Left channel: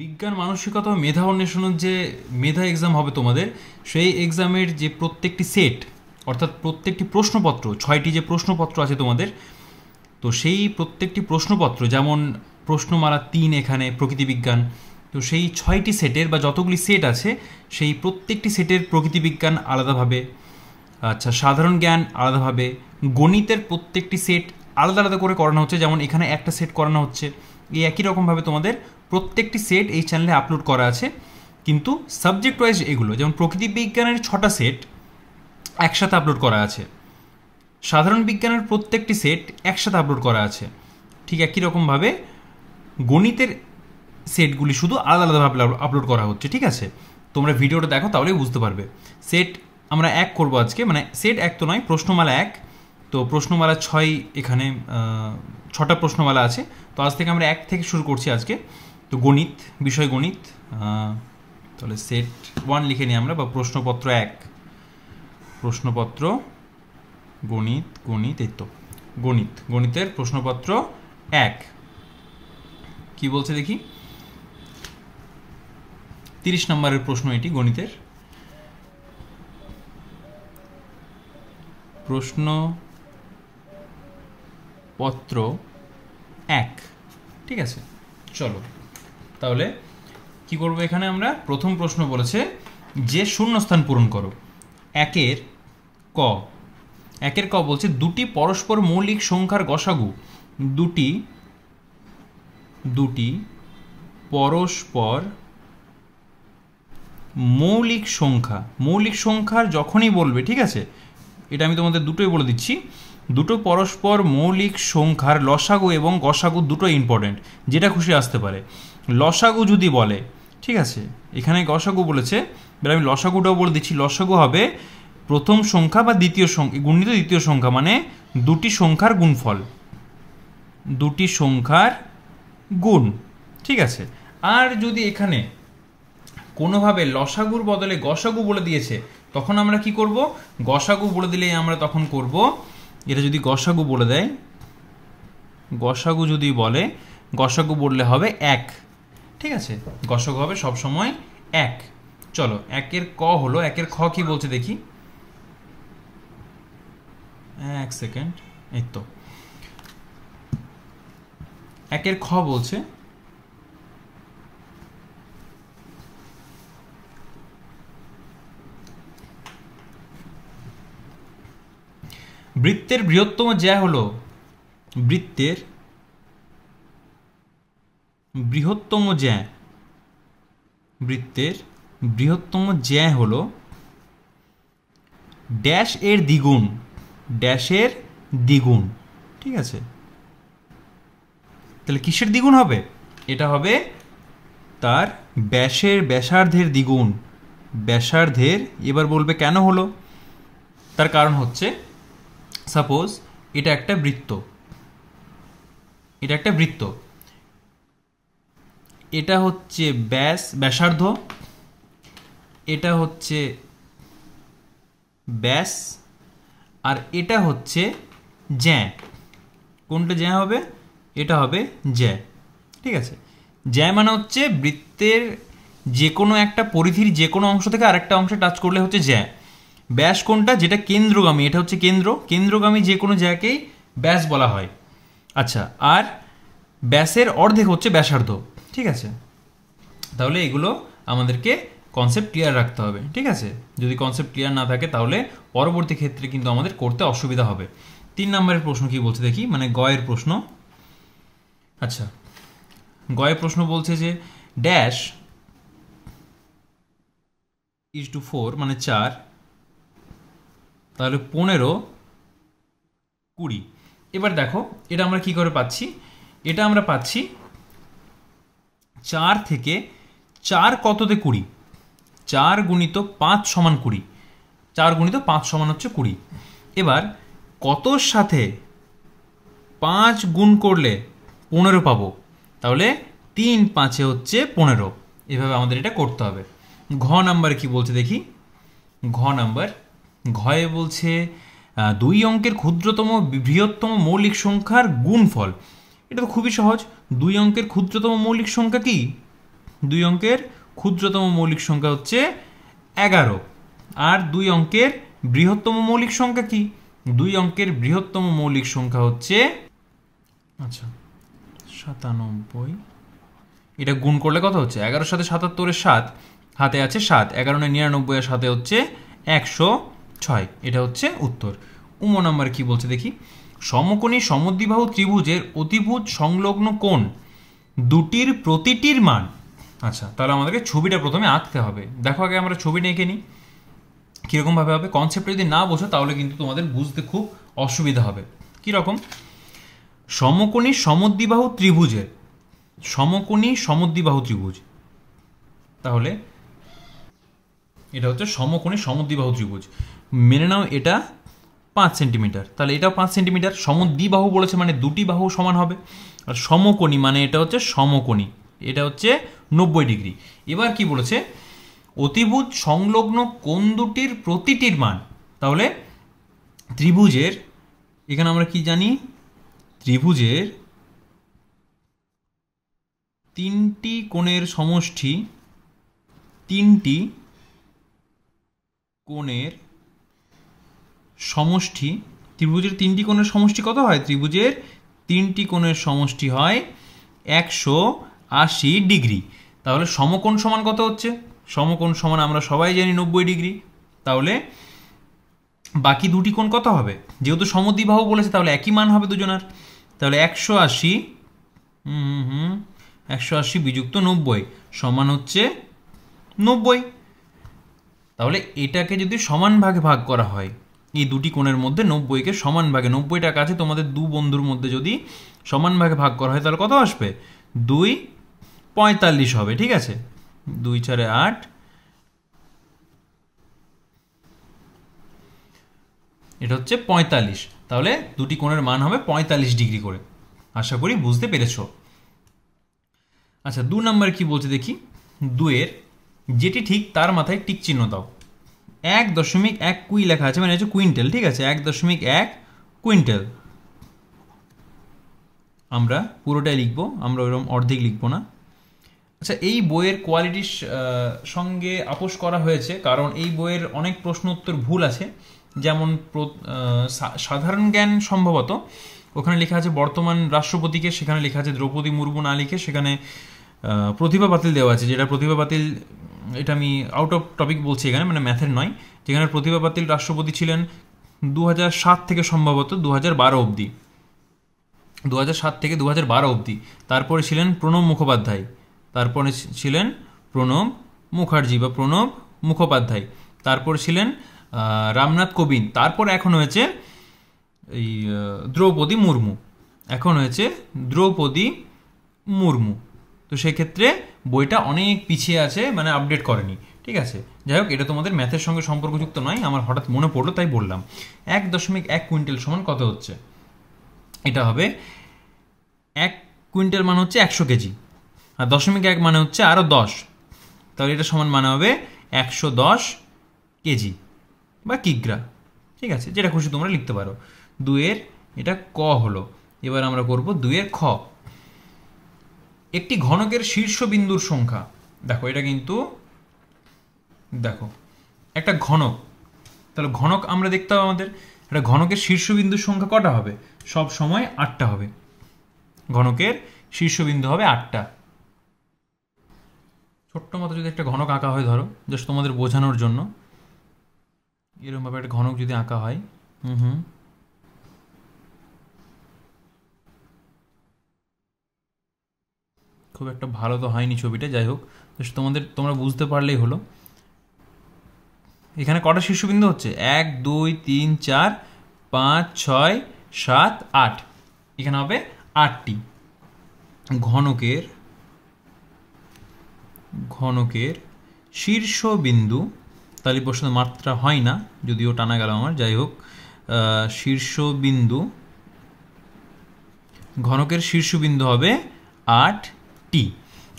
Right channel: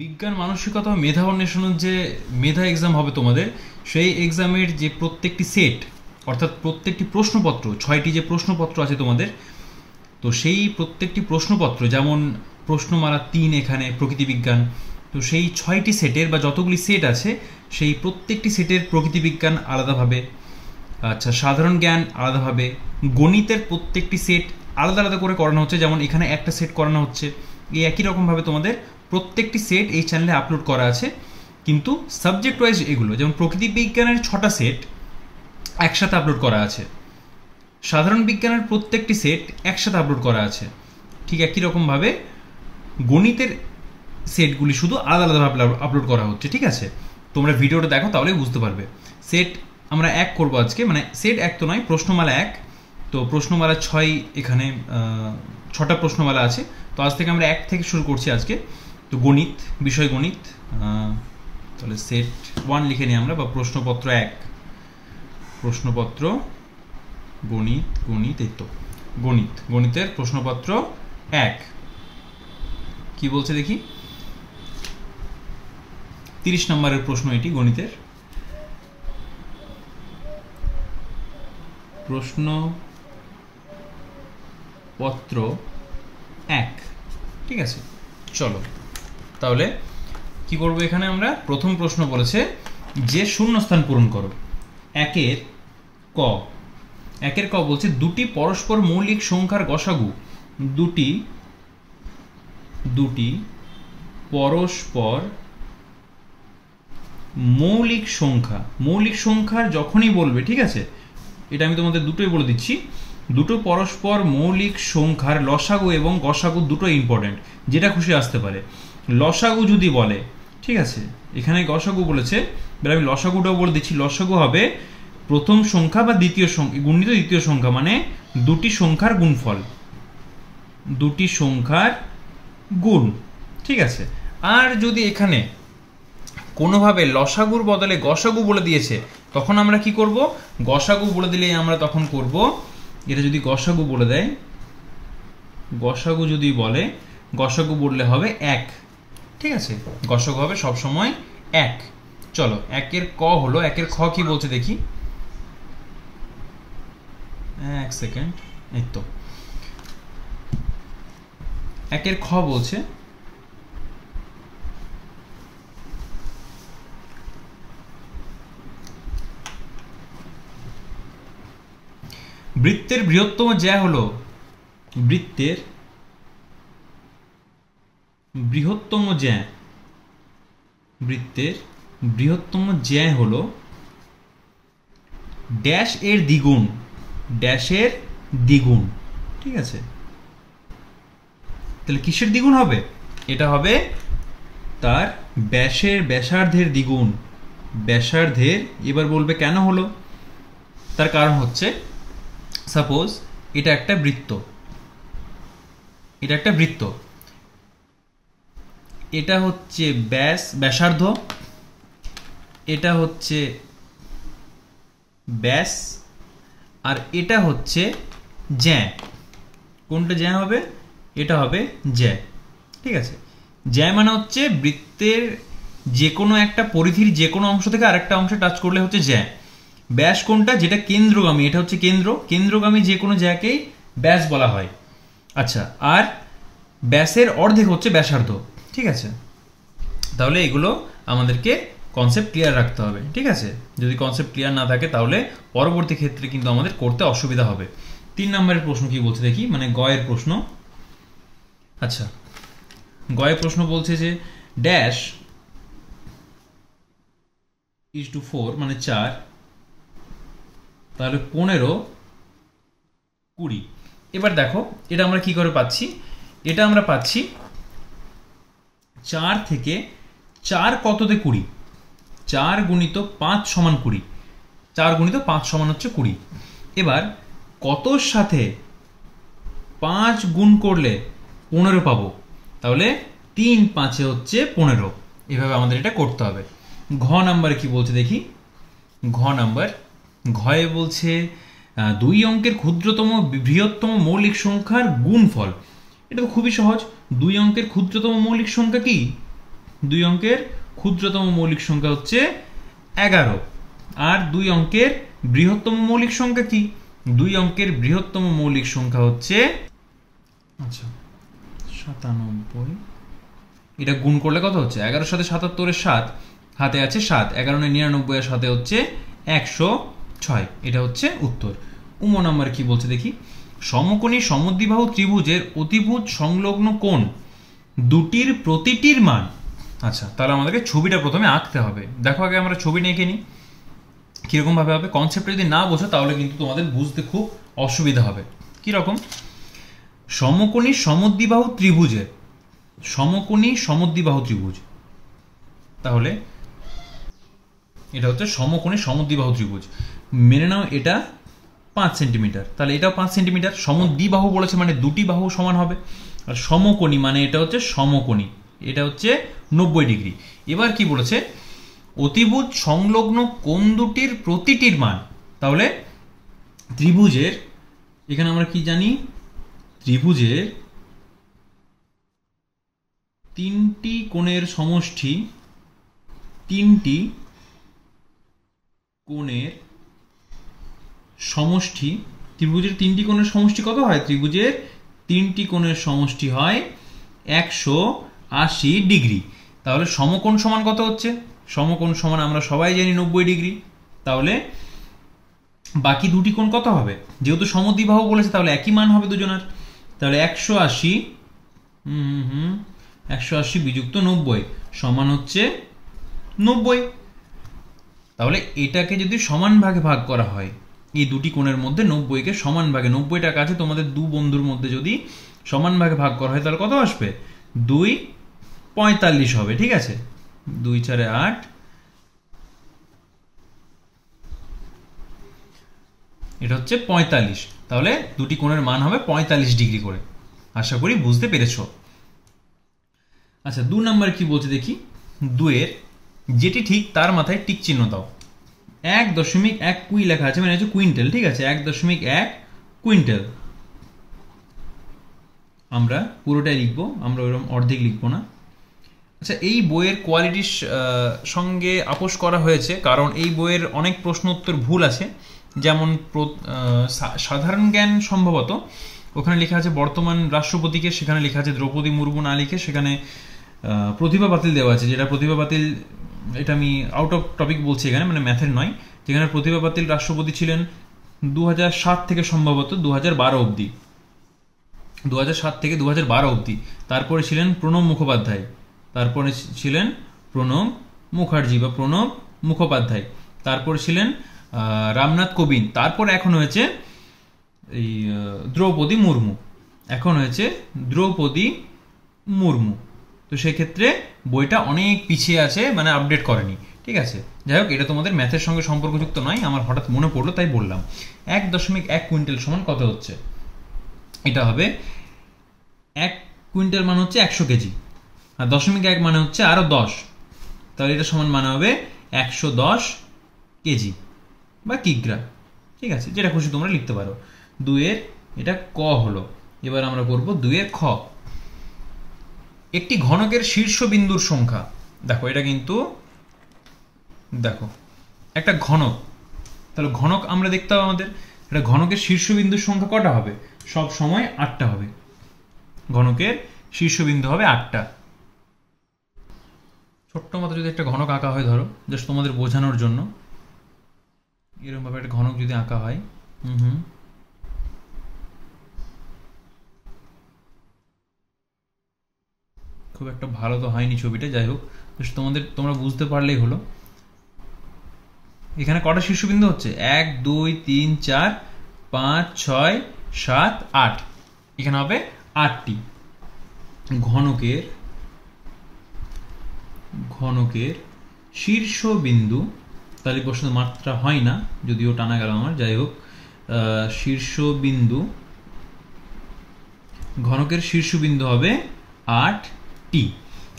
বিজ্ঞান মানসিকতা ও মেধা অন্বেষণের যে মেধা এক্সাম হবে তোমাদের, সেই এক্সামের যে প্রত্যেকটি সেট অর্থাৎ প্রত্যেকটি প্রশ্নপত্র, 6টি যে প্রশ্নপত্র আছে তোমাদের, তো সেই প্রত্যেকটি প্রশ্নপত্র, যেমন প্রশ্নমালা 3 এখানে প্রকৃতিবিজ্ঞান, তো সেই 6টি সেটের বা যতগুলি সেট আছে সেই প্রত্যেকটি সেটের প্রকৃতিবিজ্ঞান আলাদাভাবে, আচ্ছা সাধারণ জ্ঞান আলাদাভাবে, গণিতের প্রত্যেকটি সেট আলাদা আলাদা করে করানো হচ্ছে, যেমন এখানে একটা সেট করানো হচ্ছে। এই একই রকমভাবে তোমাদের প্রত্যেকটি সেট এই চ্যানেলে আপলোড করা আছে, কিন্তু সাবজেক্ট ওয়াইজ এগুলো, যেমন প্রকৃতিবিজ্ঞানের 6টা সেট একসাথে আপলোড করা আছে, সাধারণ বিজ্ঞানের প্রত্যেকটি সেট একসাথে আপলোড করা আছে। ঠিক একই রকমভাবে গণিতের সেটগুলি শুধু আলাদা আলাদাভাবে আপলোড করা হচ্ছে। ঠিক আছে, তোমরা ভিডিওটা দেখো তাহলেই বুঝতে পারবে। সেট আমরা 1 করবো আজকে, মানে সেট 1 তো নয়, প্রশ্নমালা 1। তো প্রশ্নমালা 6, এখানে 6টা প্রশ্নমালা আছে। তো আজ থেকে আমরা 1 থেকে শুরু করছি আজকে। তো গণিত, বিষয় গণিত, তাহলে সেট 1 লিখে নিই আমরা, বা প্রশ্নপত্র 1, প্রশ্নপত্র গণিত, গণিত এই তো গণিত, গণিতের প্রশ্নপত্র 1 কি বলছে দেখি। 30 নম্বরের প্রশ্ন এটি, গণিতের প্রশ্নপত্র 1। ঠিক আছে, চলো তাহলে কি করব। এখানে আমরা প্রথম প্রশ্ন বলেছে যে শূন্যস্থান পূরণ করো। 1-এর ক বলছে দুটি পরস্পর মৌলিক সংখ্যার গসাগু, দুটি পরস্পর মৌলিক সংখ্যার যখনই বলবে, ঠিক আছে, এটা আমি তোমাদের দুটোই বলে দিচ্ছি, দুটো পরস্পর মৌলিক সংখ্যার লসাগু এবং গসাগু দুটো ইম্পর্টেন্ট, যেটা খুশি আসতে পারে। লসাগু যদি বলে, ঠিক আছে, এখানে গসাগু বলেছে, এবার আমি লসাগুটাও বলে দিচ্ছি। লসাগু হবে প্রথম সংখ্যা বা দ্বিতীয় সংখ্যা গুণিত দ্বিতীয় সংখ্যা, মানে দুটি সংখ্যার গুণফল, দুটি সংখ্যার গুণ। ঠিক আছে, আর যদি এখানে কোনোভাবে লসাগুর বদলে গসাগু বলে দিয়েছে, তখন আমরা কি করব, গসাগু বলে দিলে আমরা তখন করব, এটা যদি গসাগু বলে দেয়, গসাগু যদি বলে, গসাগু বললে হবে 1। ঠিক আছে, গসাগু হবে সবসময় 1। চলো 1-এর ক হলো, 1-এর খ কি বলছে দেখি, 1 সেকেন্ড, এই তো 1-এর খ বলছে বৃত্তের বৃহত্তম জ্যা হলো, বৃত্তের বৃহত্তম জ্যা হলো ড্যাশ এর দ্বিগুণ, ড্যাশের দ্বিগুণ। ঠিক আছে, তাহলে কিসের দ্বিগুণ হবে, এটা হবে তার ব্যাসার্ধের দ্বিগুণ, ব্যাসার্ধের। এবার বলবে কেন হলো, তার কারণ হচ্ছে সাপোজ এটা একটা বৃত্ত, এটা হচ্ছে ব্যাসার্ধ, এটা হচ্ছে ব্যাস, আর এটা হচ্ছে জ্যা। কোনটা জ্যা হবে, এটা হবে জ্যা। ঠিক আছে, জ্যা মানে হচ্ছে বৃত্তের যে কোনো একটা পরিধির যে কোনো অংশ থেকে আরেকটা অংশে টাচ করলে হচ্ছে জ্যা। ব্যাস কোনটা, যেটা কেন্দ্রগামী, এটা হচ্ছে কেন্দ্রগামী যে কোনো জ্যাকেই ব্যাস বলা হয়। আচ্ছা, আর ব্যাসের অর্ধেক হচ্ছে ব্যাসার্ধ। ঠিক আছে, তাহলে এগুলো আমাদেরকে কনসেপ্ট ক্লিয়ার রাখতে হবে। ঠিক আছে, যদি কনসেপ্ট ক্লিয়ার না থাকে তাহলে পরবর্তী ক্ষেত্রে কিন্তু আমাদের করতে অসুবিধা হবে। 3 নম্বরের প্রশ্ন কি বলছে দেখি, মানে গয়ের প্রশ্ন। আচ্ছা, গয়ের প্রশ্ন বলছে যে ড্যাশ = 4, মানে 4, তাহলে 15, 20। এবার দেখো এটা আমরা কি করে পাচ্ছি, এটা আমরা পাচ্ছি 4 থেকে 4 কততে 20, 4 গুণিত 5 সমান 20, 4 গুণিত 5 সমান হচ্ছে 20। এবার কতর সাথে 5 গুণ করলে 15 পাবো, তাহলে 3 5 হচ্ছে 15। এভাবে আমাদের এটা করতে হবে। ঘ নাম্বার কি বলছে দেখি, ঘ নাম্বার, ঘয়ে বলছে 2 অঙ্কের ক্ষুদ্রতম বৃহত্তম মৌলিক সংখ্যার গুণফল। এটা তো খুবই সহজ, 2 অঙ্কের ক্ষুদ্রতম মৌলিক সংখ্যা কি, 2 অঙ্কের ক্ষুদ্রতম মৌলিক সংখ্যা হচ্ছে 11, আর 2 অঙ্কের বৃহত্তম মৌলিক সংখ্যা কি? 2 অঙ্কের বৃহত্তম মৌলিক সংখ্যা হচ্ছে 97। এটা গুণ করলে কত হচ্ছে? 11 সাথে 77 7, হাতে আছে 7, 11 99 এর সাথে হচ্ছে 106। এটা হচ্ছে উত্তর। নাম্বার কি বলছে দেখি। সমকোণী সমদ্বিবাহু ত্রিভুজের অতিভুজ সংলগ্ন কোণ দুটির প্রতিটির মান। আচ্ছা, তাহলে আমাদেরকে ছবিটা প্রথমে আঁকতে হবে। দেখো আগে আমরা ছবিটা এঁকে নিই। কিরকম ভাবে হবে? কনসেপ্টটা যদি না বোঝো তাহলে কিন্তু তোমাদের বুঝতে খুব অসুবিধা হবে। কিরকম? সমকোণী সমদ্বিবাহু ত্রিভুজের, সমকোণী সমদ্বিবাহু ত্রিভুজ, তাহলে এটা হচ্ছে সমকোণী সমদ্বিবাহু ত্রিভুজ। মেনে নাও এটা 5 সেন্টিমিটার, তাহলে এটাও 5 সেন্টিমিটার। সমদ্বিবাহু বলেছে মানে দুটি বাহু সমান হবে, আর সমকোণী মানে এটা হচ্ছে সমকোণী, এটা হচ্ছে 90 ডিগ্রি। এবার কি বলেছে? অতিভুজ সংলগ্ন কোণ দুটির প্রতিটির মান। তাহলে ত্রিভুজের, এখানে আমরা কি জানি? ত্রিভুজের 3টি কোণের সমষ্টি, 3টি কোণের সমষ্টি, ত্রিভুজের 3টি কোণের সমষ্টি কত হয়? ত্রিভুজের 3টি কোণের সমষ্টি হয় 180 ডিগ্রি। তাহলে সমকোণ সমান কত হচ্ছে? সমকোণ সমান আমরা সবাই জানি 90 ডিগ্রি। তাহলে বাকি দুটি কোণ কত হবে? যেহেতু সমদ্বিবাহু বলেছে তাহলে একই মান হবে দুজনের। তাহলে 180 180 বিযুক্ত 90 সমান হচ্ছে 90। তাহলে এটাকে যদি সমান ভাগে ভাগ করা হয়, এই দুটি কোণের মধ্যে 90কে সমান ভাগে, 90টা কাছে তোমাদের দু বন্ধুর মধ্যে যদি সমান ভাগে ভাগ করা হয় তাহলে কত আসবে? 2 45 হবে। ঠিক আছে, 2 4 8, এটা হচ্ছে 45। তাহলে দুটি কোণের মান হবে 45 ডিগ্রি করে। আশা করি বুঝতে পেরেছো। আচ্ছা, 2 নাম্বার কি বলছে দেখি। 2 এর যেটি ঠিক তার মাথায় টিক চিহ্ন দাও। 1.1 কুই লেখা আছে, মানে হচ্ছে কুইন্টাল। ঠিক আছে, 1.1 কুইন্টাল। আমরা পুরোটাই লিখবো, আমরা ওইরকম অর্ধেক লিখবো না। আচ্ছা, এই বইয়ের কোয়ালিটির সঙ্গে আপোষ করা হয়েছে, কারণ এই বইয়ের অনেক প্রশ্ন উত্তর ভুল আছে। যেমন সাধারণ জ্ঞান সম্ভবত ওখানে লেখা আছে বর্তমান রাষ্ট্রপতিকে, সেখানে লেখা আছে দ্রৌপদী মুর্মু না লিখে সেখানে প্রতিভা পাতিল দেওয়া আছে। যেটা প্রতিভা পাতিল, এটা আমি আউট অফ টপিক বলছি এখানে, মানে ম্যাথের নয়। যেখানে প্রতিভা পাতিল রাষ্ট্রপতি ছিলেন 2007 থেকে সম্ভবত 2012 অবধি, 2007 থেকে 2012 অবধি। তারপরে ছিলেন প্রণব মুখোপাধ্যায়, তারপরে ছিলেন প্রণব মুখার্জি বা প্রণব মুখোপাধ্যায়, তারপরে ছিলেন রামনাথ কোবিন্দ, তারপর এখন হয়েছে এই দ্রৌপদী মুর্মু, এখন হয়েছে দ্রৌপদী মুর্মু। তো সেক্ষেত্রে বইটা অনেক পিছিয়ে আছে, মানে আপডেট করেনি। ঠিক আছে, যাই হোক, এটা তোমাদের ম্যাথের সঙ্গে সম্পর্কযুক্ত নয়, আমার হঠাৎ মনে পড়লো তাই বললাম। 1.1 কুইন্টাল সমান কত হচ্ছে? এটা হবে 1 কুইন্টাল মানে হচ্ছে 100 কেজি, আর 0.1 মানে হচ্ছে আরো 10, তাহলে এটা সমান মানে হবে 110 কেজি বা কিগ্রা। ঠিক আছে, যেটা খুশি তোমরা লিখতে পারো। 2 এর এটা ক হলো। এবার আমরা করব 2 এর খ। একটি ঘনকের শীর্ষবিন্দুর সংখ্যা। দেখো এটা কিন্তু, দেখো একটা ঘনক, তাহলে ঘনক আমরা দেখতে হবে আমাদের। এটা ঘনকের শীর্ষবিন্দুর সংখ্যা কটা হবে? সব সময় 8টা হবে। ঘনকের শীর্ষবিন্দু হবে 8টা। ছোট্ট মতো যদি একটা ঘনক আঁকা হয়, ধরো জাস্ট তোমাদের বোঝানোর জন্য, এরকম ভাবে একটা ঘনক যদি আঁকা হয়, খুব একটা ভালো তো হয়নি ছবিটা, যাই হোক তোমরা বুঝতে পারলেই হলো। এখানে কটা শীর্ষবিন্দু হচ্ছে? 1 2 3 4 5 6 7 8, এখানে হবে 8টি। ঘনকের শীর্ষবিন্দু, তাহলে প্রশ্ন মাত্রা হয় না, যদিও টানা গেল আমার, যাই হোক, শীর্ষবিন্দু, ঘনকের শীর্ষবিন্দু হবে 8টি।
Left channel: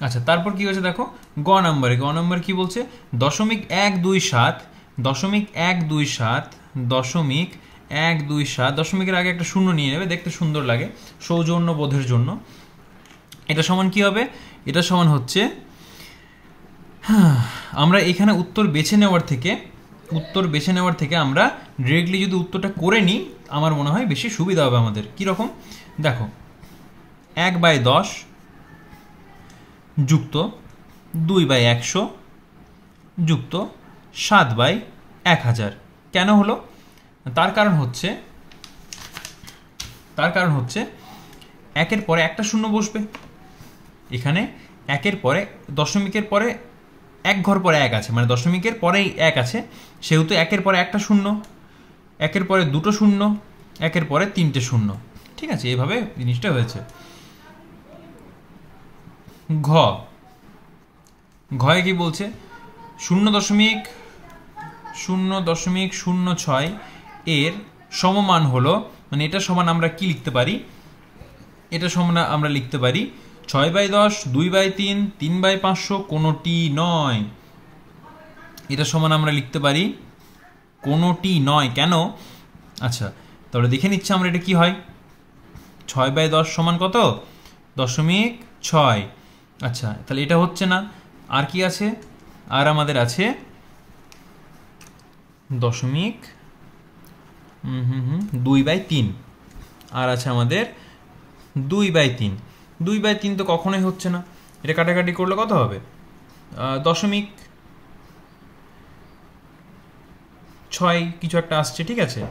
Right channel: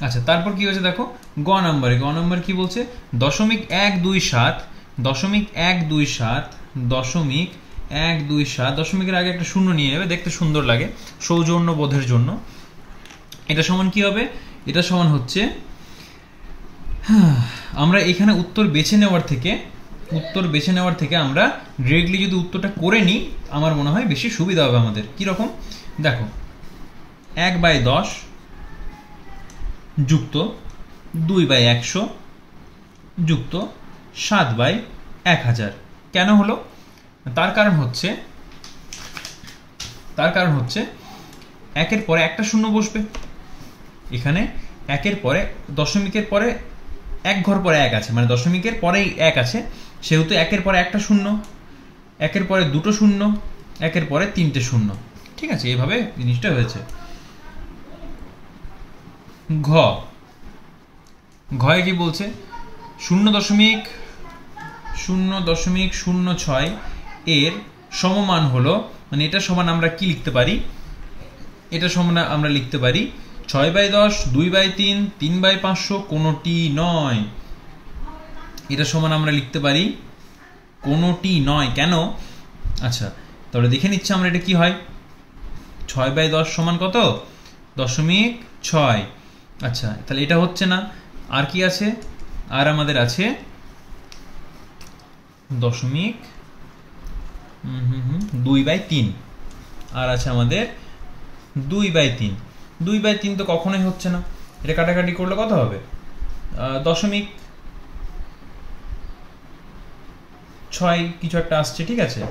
আচ্ছা, তারপর কি হয়েছে দেখো, গ নাম্বার কি বলছে? 0.127, 0.127, 0.127, দশমিকের আগে একটা শূন্য নিয়ে যাবে, দেখতে সুন্দর লাগে সৌজন্য বোধের জন্য। এটা সমান কি হবে? এটা সমান হচ্ছে আমরা এখানে উত্তর বেছে নেওয়ার থেকে আমরা ডিরেক্টলি যদি উত্তরটা করে নিই আমার মনে হয় বেশি সুবিধা হবে আমাদের। কীরকম দেখো, 1/10 যুক্ত 2/100 যুক্ত 7/1000 কেন হলো? তার কারণ হচ্ছে একের পরে একটা শূন্য বসবে এখানে, একের পরে দশমিকের পরে এক ঘর পরে এক আছে, মানে দশমিকের পরেই এক আছে, সেহেতু একের পরে একটা শূন্য, একের পরে দুটো শূন্য, একের পরে তিনটে শূন্য। ঠিক আছে, এভাবে জিনিসটা হয়েছে। ঘয়ে কি বলছে? 0.0.06 এর সমমান হলো, মানে এটা সমান আমরা কি লিখতে পারি? এটা সমান আমরা লিখতে পারি 6/10, 2/3, 3/500, কোনোটি নয়। এটা সমান আমরা লিখতে পারি কোনোটি নয়। কেন? আচ্ছা, তাহলে দেখে নিচ্ছি আমরা এটা কি হয়। 6/10 সমান কত? 0.6। আচ্ছা, তাহলে এটা হচ্ছে না। আর কি আছে? আর আমাদের আছে 2/3, আর আছে আমাদের 2/3। 2/3 তো কখনোই হচ্ছে না, এটা কাটাকাটি করলে কত হবে? 0.6 কিছু একটা আসছে। ঠিক আছে,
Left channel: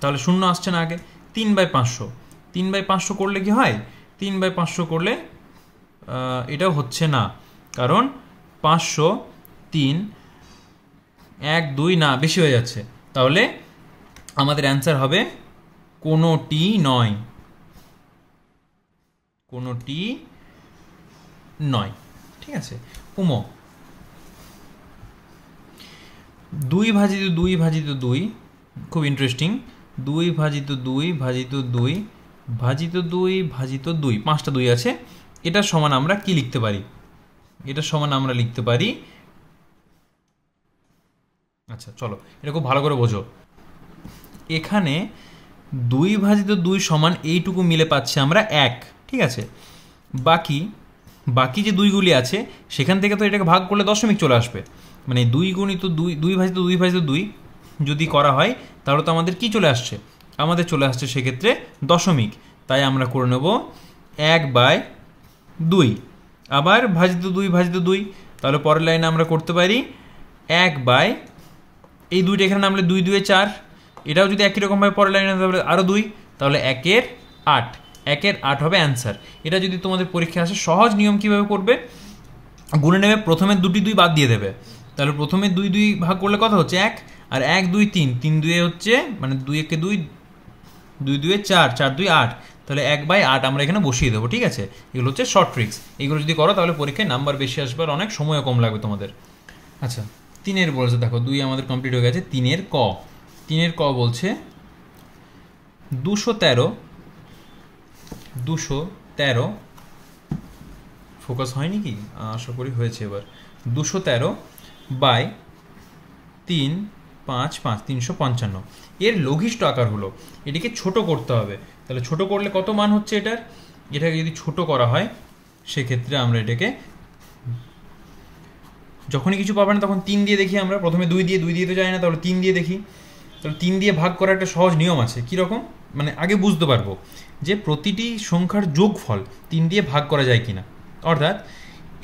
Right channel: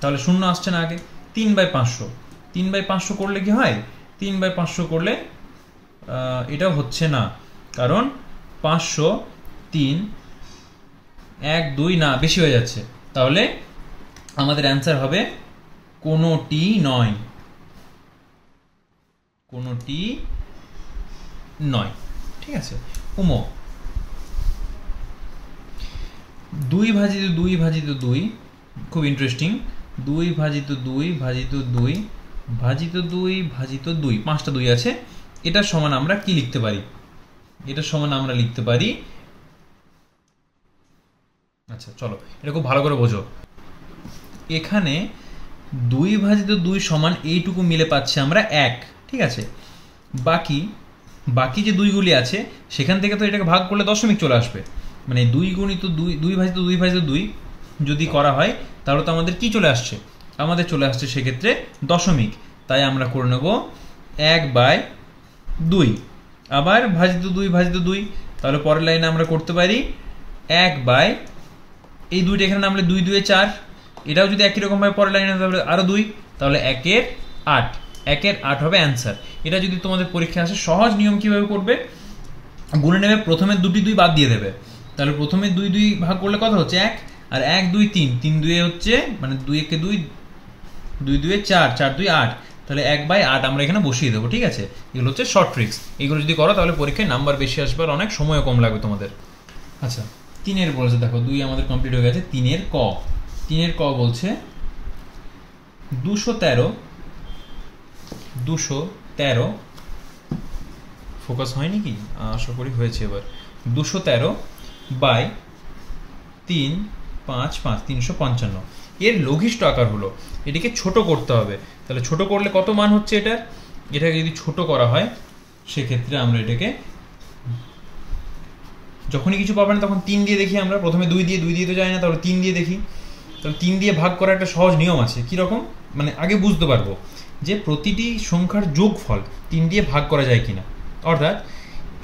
তাহলে শূন্য আসছে না আগে। 3/500, 3/500 করলে কি হয়? 3/500 করলে এটাও হচ্ছে না, কারণ 500, 3, 1, 2 না, বেশি হয়ে যাচ্ছে। তাহলে আমাদের অ্যান্সার হবে কোনোটি নয়, কোনোটি নয়। ঠিক আছে। 2/2 খুব ইন্টারেস্টিং। 2/2 পাঁচটা 2 আছে। এটার সমান আমরা কি লিখতে পারি? এটার সমান আমরা লিখতে পারি, আচ্ছা চলো এটা খুব ভালো করে বোঝো। এখানে 2/2 সমান এইটুকু মিলে পাচ্ছি আমরা 1। ঠিক আছে, বাকি যে দুইগুলি আছে সেখান থেকে তো এটাকে ভাগ করলে দশমিক চলে আসবে, মানে 2 গুণিত 2/2 যদি করা হয় তাহলে তো আমাদের কি চলে আসছে? আমাদের চলে আসছে সেক্ষেত্রে দশমিক। তাই আমরা করে নেব 1/2, আবার /2, তাহলে পরের লাইনে আমরা করতে পারি 1/, এই দুইটা এখানে নামলে 2 2 4, এটাও যদি একই রকম ভাবে পরের লাইনে তাহলে আরো 2, তাহলে 1 এর 8, 1 এর 8 হবে অ্যান্সার। এটা যদি তোমাদের পরীক্ষায় আসে, সহজ নিয়ম কিভাবে করবে? গুণে নেবে, প্রথমে 2 বাদ দিয়ে দেবে, তাহলে প্রথমে 2 ভাগ করলে কত হচ্ছে? 1, আর 1 2 3, 3 2 হচ্ছে, মানে 2 1 2, 2 2 4, 4 2 8, তাহলে 1/8 আমরা এখানে বসিয়ে দেবো। ঠিক আছে, এগুলো হচ্ছে শর্ট ট্রিক্স। এগুলো যদি করো তাহলে পরীক্ষায় নাম্বার বেশি আসবে আর অনেক সময়ও কম লাগবে তোমাদের। আচ্ছা, 3 বলেছে, দেখো 2 আমাদের কমপ্লিট হয়ে গেছে। 3 ক বলছে 213 ফোকাস হয়নি কি? আশা করি হয়েছে। এবার 213/355 355 এর লঘিষ্ঠ আকার হলো। এটিকে ছোট করতে হবে। তাহলে ছোট করলে কত মান হচ্ছে এটাকে যদি ছোট করা হয়, সেক্ষেত্রে আমরা এটাকে যখনই কিছু পাবো না তখন 3 দিয়ে দেখি। আমরা প্রথমে 2 দিয়ে তো যায় না, তাহলে 3 দিয়ে দেখি। তাহলে 3 দিয়ে ভাগ করার একটা সহজ নিয়ম আছে। কিরকম? মানে আগে বুঝতে পারবো যে প্রতিটি সংখ্যার যোগফল 3 দিয়ে ভাগ করা যায় কিনা। অর্থাৎ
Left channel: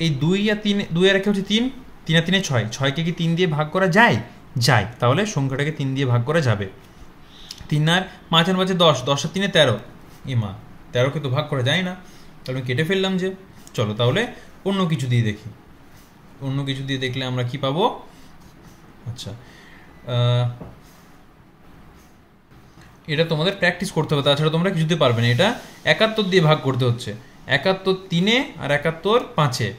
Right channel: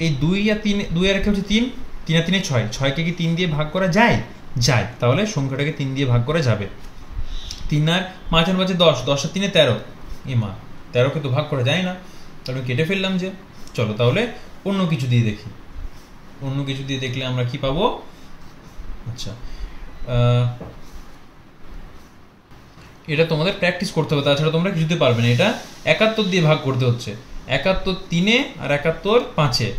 এই 2 আর 3, 2 আর 1 হচ্ছে 3, 3 আর 3 6, 6কে কি 3 দিয়ে ভাগ করা যায়? তাহলে সংখ্যাটাকে 3 দিয়ে ভাগ করা যাবে। 3 আর 5 আর 5 10, 10 আর 3 13, মা 13কে তো ভাগ করা যায় না, তাহলে কেটে ফেললাম যে। চলো তাহলে অন্য কিছু দিয়ে দেখি। অন্য কিছু দিয়ে দেখলে আমরা কি পাবো? আচ্ছা, এটা তোমাদের প্র্যাকটিস করতে হবে, তাছাড়া তোমরা কিছুতে পারবে না। এটা 71 দিয়ে ভাগ করতে হচ্ছে। 71 3-এ আর 71 5-এ।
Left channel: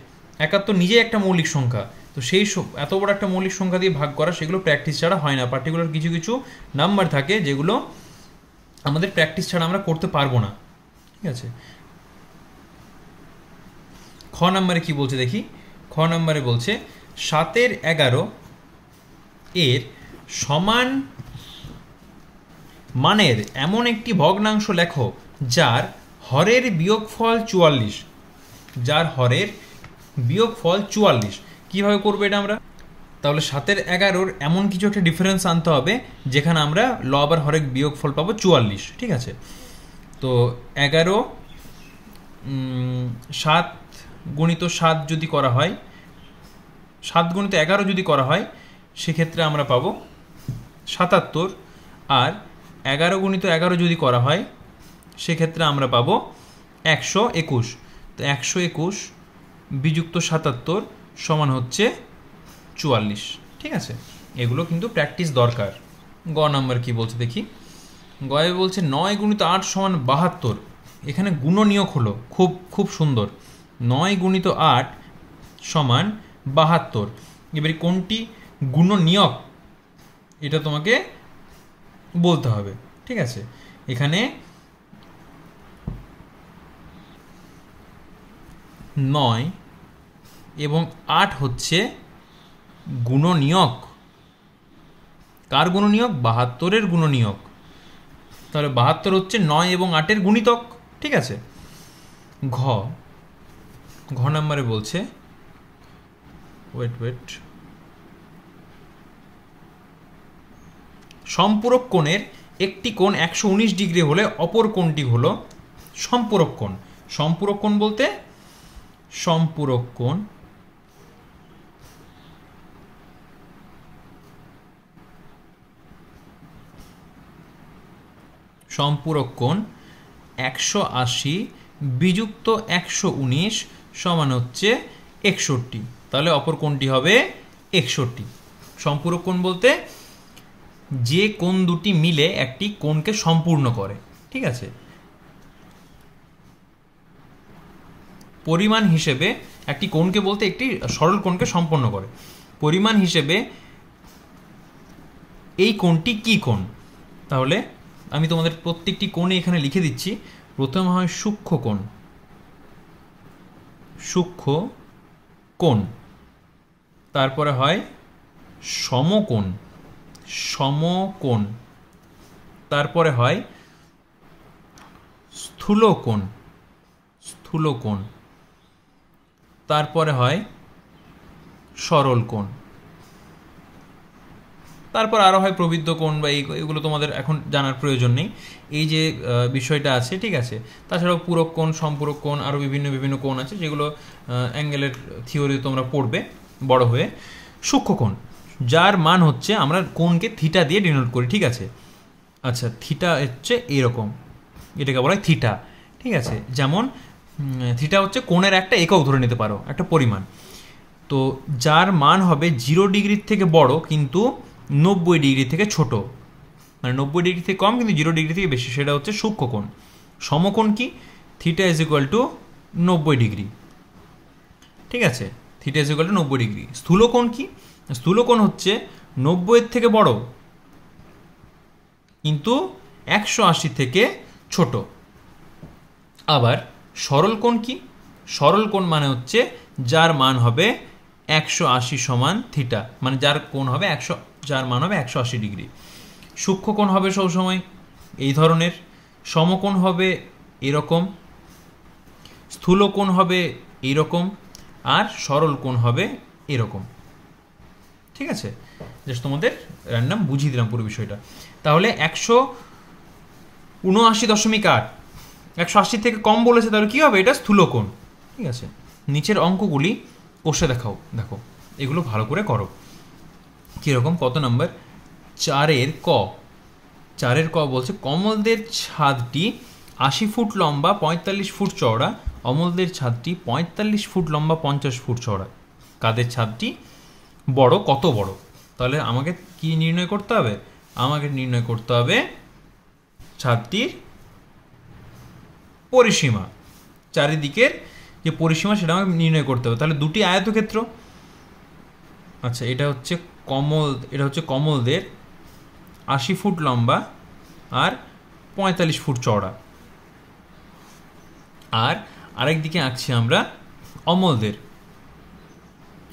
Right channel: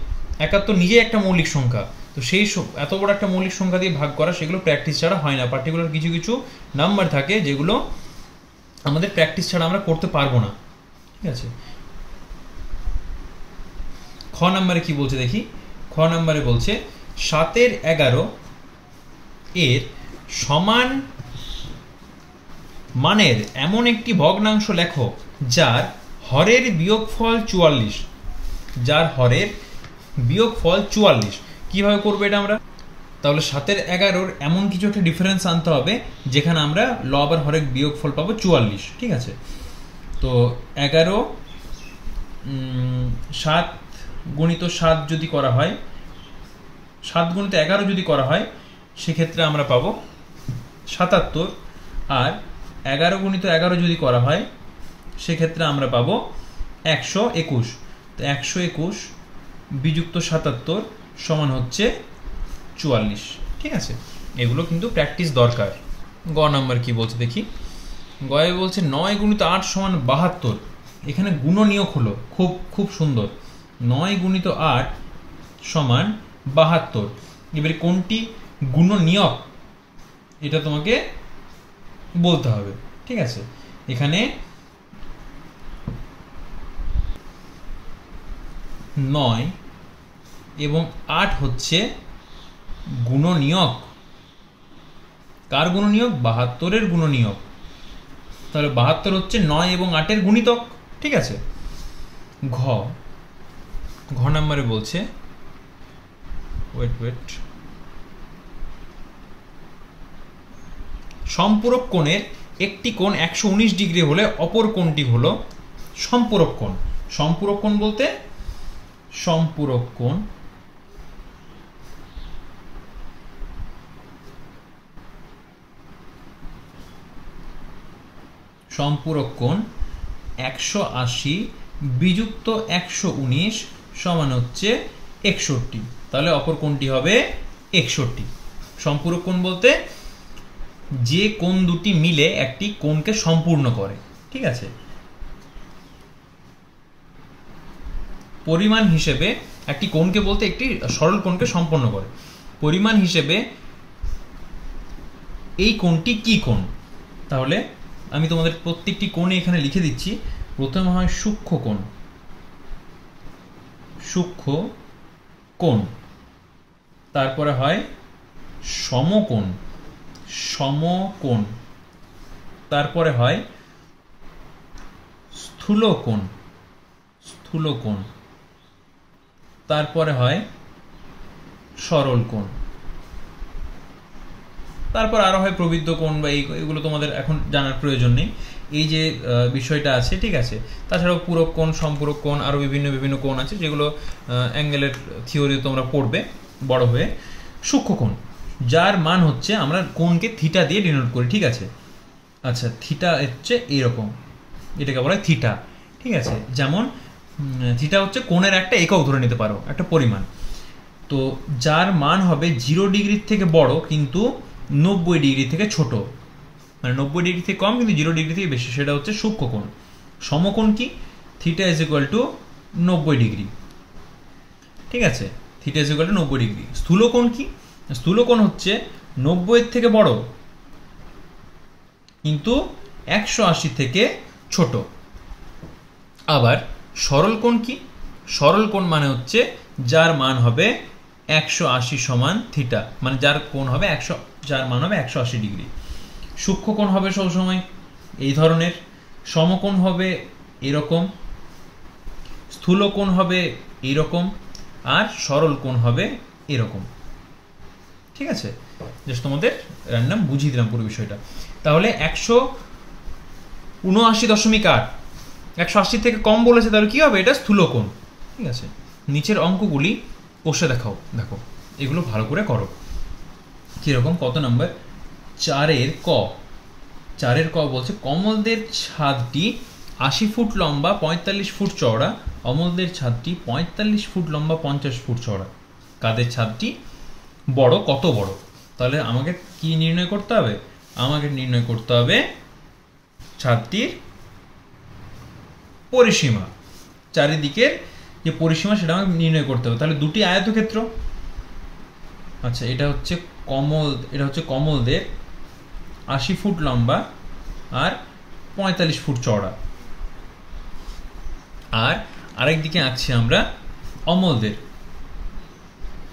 71 নিজেই একটা মৌলিক সংখ্যা, তো সেই এত বড় একটা মৌলিক সংখ্যা দিয়ে ভাগ করা, সেগুলো প্র্যাকটিস ছাড়া হয় না। পার্টিকুলার কিছু কিছু নাম্বার থাকে যেগুলো আমাদের প্র্যাকটিস ছাড়া আমরা করতে পারবো না। ঠিক আছে, খ নাম্বারে কি বলছে দেখি। খ নাম্বারে বলছে 7/11 এর সমান মানের এমন একটি ভগ্নাংশ লেখো যার হরের বিয়োগফল 44। যার হরের বিয়োগফল 44। কিভাবে করবো এটা আমরা? তাহলে 7 এর 11 এমন কিছু একটা ডিফারেন্স আনতে হবে যেখানে আমরা লব আর হরের বিয়োগফল পাবো 44, ঠিক আছে? তো 11 7 গুণিত 7 যদি করা হয়, 7 গুণিত 11 যদি করা হয় সেক্ষেত্রে আমরা পাবো 77, আর 11 গুণিত 11 যদি করা হয় সেক্ষেত্রে আমরা পাবো 121। তো 121 বিযুক্ত 77 সমান হচ্ছে 44, ঠিক আছে? এগুলো কিন্তু প্র্যাকটিস দরকার। গ নাম্বার কি বলছে দেখি। গয়ে বলছে 9 গুণিত 8 সমান 72। এখানে গুণনীয়ক হলো, খুব খুব সুন্দর। 9 গুণিত 8 সমান 72। এবারে কোনটি গুণনীয়ক এটা তোমাকে বলতে হবে, ঠিক আছে? এখানে 9 এবং 8 হচ্ছে গুণনীয়ক। কার গুণনীয়ক? 72-এর গুণনীয়ক। তাহলে 72 হচ্ছে 9 এবং 8-এর গুণিতক, ঠিক আছে? ঘ নাম্বারে বলছে ওয়েট সম্পূরক কোণের একটি কোণ 119 ডিগ্রি হলে অপর কোণটি হলো সম্পূরক কোণ। সম্পূরক কোণ বলতে সম্পূরক কোণ সম্পূরক কোণ 180 বিযুক্ত 119 সমান হচ্ছে 61। তাহলে অপর কোণটি হবে 61। সম্পূরক কোণ বলতে যে কোণ দুটি মিলে একটি কোণকে সম্পূর্ণ করে, ঠিক আছে? পরিমাণ হিসেবে একটি কোণকে বলতে একটি সরল কোণকে সম্পন্ন করে। পরিমাণ হিসেবে এই কোণটি কি কোণ? তাহলে আমি তোমাদের প্রত্যেকটি কোণে এখানে লিখে দিচ্ছি। প্রথমে হয় সূক্ষ্ম কোণ, সূক্ষ্ম কোণ। তারপরে হয় সমকোণ, সমকোণ। তারপরে হয় স্থূলকোণ, স্থূলকোণ। তারপরে হয় সরল কোণ। তারপর আরো হয় প্রবৃদ্ধ কোণ, বা এইগুলো তোমাদের এখন জানার প্রয়োজন নেই। এই যে বিষয়টা আছে, ঠিক আছে? তাছাড়াও পূরক কোণ, সম্পূরক কোণ, আরো বিভিন্ন বিভিন্ন কোণ আছে যেগুলো অ্যাঙ্গেলের থিওরি তোমরা পড়বে বড় হয়ে। সূক্ষ্ম কোণ, যার মান হচ্ছে আমরা কোণকে থিটা দিয়ে ডিনোট করি, ঠিক আছে? আচ্ছা, থিটা হচ্ছে এরকম, এটাকে বলা হয় থিটা, ঠিক আছে? যেমন থিটা হচ্ছে কোণের একটা একক ধরে নিতে পারো, একটা পরিমাণ। তো যার মান হবে 0 ডিগ্রির থেকে বড় কিন্তু 90 ডিগ্রি থেকে ছোট, মানে 90 ডিগ্রি থেকে কম কিন্তু 0 ডিগ্রি থেকে বেশি, সেটা হচ্ছে সূক্ষ্ম কোণ। সমকোণ কি? Theta is equal to 90 degree, ঠিক আছে? Theta is equal to 90 degree. স্থূলকোণ কি? স্থূলকোণ হচ্ছে 90-এর থেকে বড় কিন্তু 180 থেকে ছোট। আবার সরল কোণ কি? সরল কোণ মানে হচ্ছে যার মান হবে 180 সমান থিটা, মানে যার কোণ হবে যার মান হবে 180 ডিগ্রি। সূক্ষ্ম কোণ হবে সবসময় এই ধরনের, সমকোণ হবে এরকম, স্থূল কোণ হবে এইরকম, আর সরল কোণ হবে এরকম, ঠিক আছে? জাস্ট তোমাদের র্যান্ডম বুঝিয়ে দিলাম পুরো বিষয়টা। তাহলে 179.8, 180 থেকে কম বলেছে, তাহলে কি হবে? এটা স্থূল কোণ, ঠিক আছে? নিচের অঙ্কগুলি কষে দেখাও, দেখো এগুলো ভালো করে করো। কিরকম? কত নাম্বার? 4-এর ক। 4-এর ক বলছে কমলদের ছাদটি 80 ফুট লম্বা 45 ফুট চওড়া, অমলদের ছাদটি 45 ফুট লম্বা 50 ফুট চওড়া। কাদের ছাদটি বড়? কত বড়? তাহলে আমাকে কি নির্ণয় করতে হবে? আমাকে নির্ণয় করতে হবে ছাদটির পরিসীমা, চারিদিকের যে পরিসীমা সেটা আমাকে নির্ণয় করতে হবে। তাহলে দুটি আয়তক্ষেত্র, আচ্ছা এটা হচ্ছে কমলদের 80 ফুট লম্বা আর 45 ফুট চওড়া, আর আরেক দিকে আঁকছি আমরা অমলদের,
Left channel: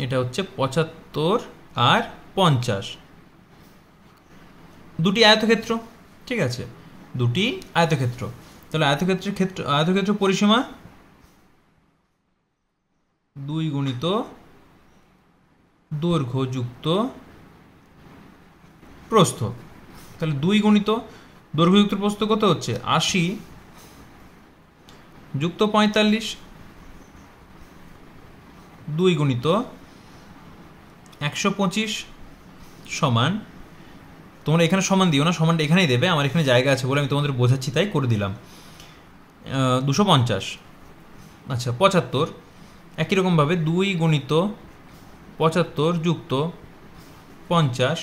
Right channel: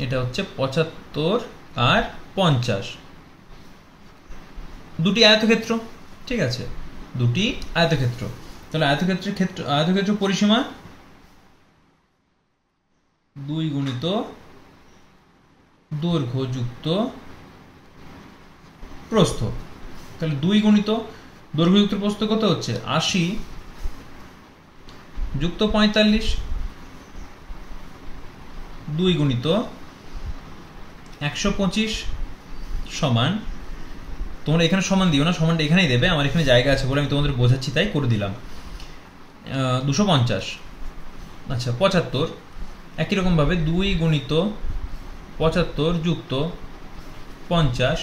এটা হচ্ছে 75 আর 50। দুটি আয়তক্ষেত্র, ঠিক আছে? দুটি আয়তক্ষেত্র। তাহলে আয়তক্ষেত্র পরিসীমা 2 গুণিত দৈর্ঘ্য যুক্ত প্রস্থ। তাহলে 2 গুণিত দৈর্ঘ্য যুক্ত প্রস্থ কত হচ্ছে 80 যুক্ত 45, 2 গুণিত 125 সমান, তোমরা এখানে সমান দিও না, সমানটা এখানেই দেবে, আমার এখানে জায়গা আছে বলে আমি তোমাদের বোঝাচ্ছি তাই করে দিলাম, 250। আচ্ছা 75, একই রকমভাবে 2 গুণিত 75 যুক্ত 50,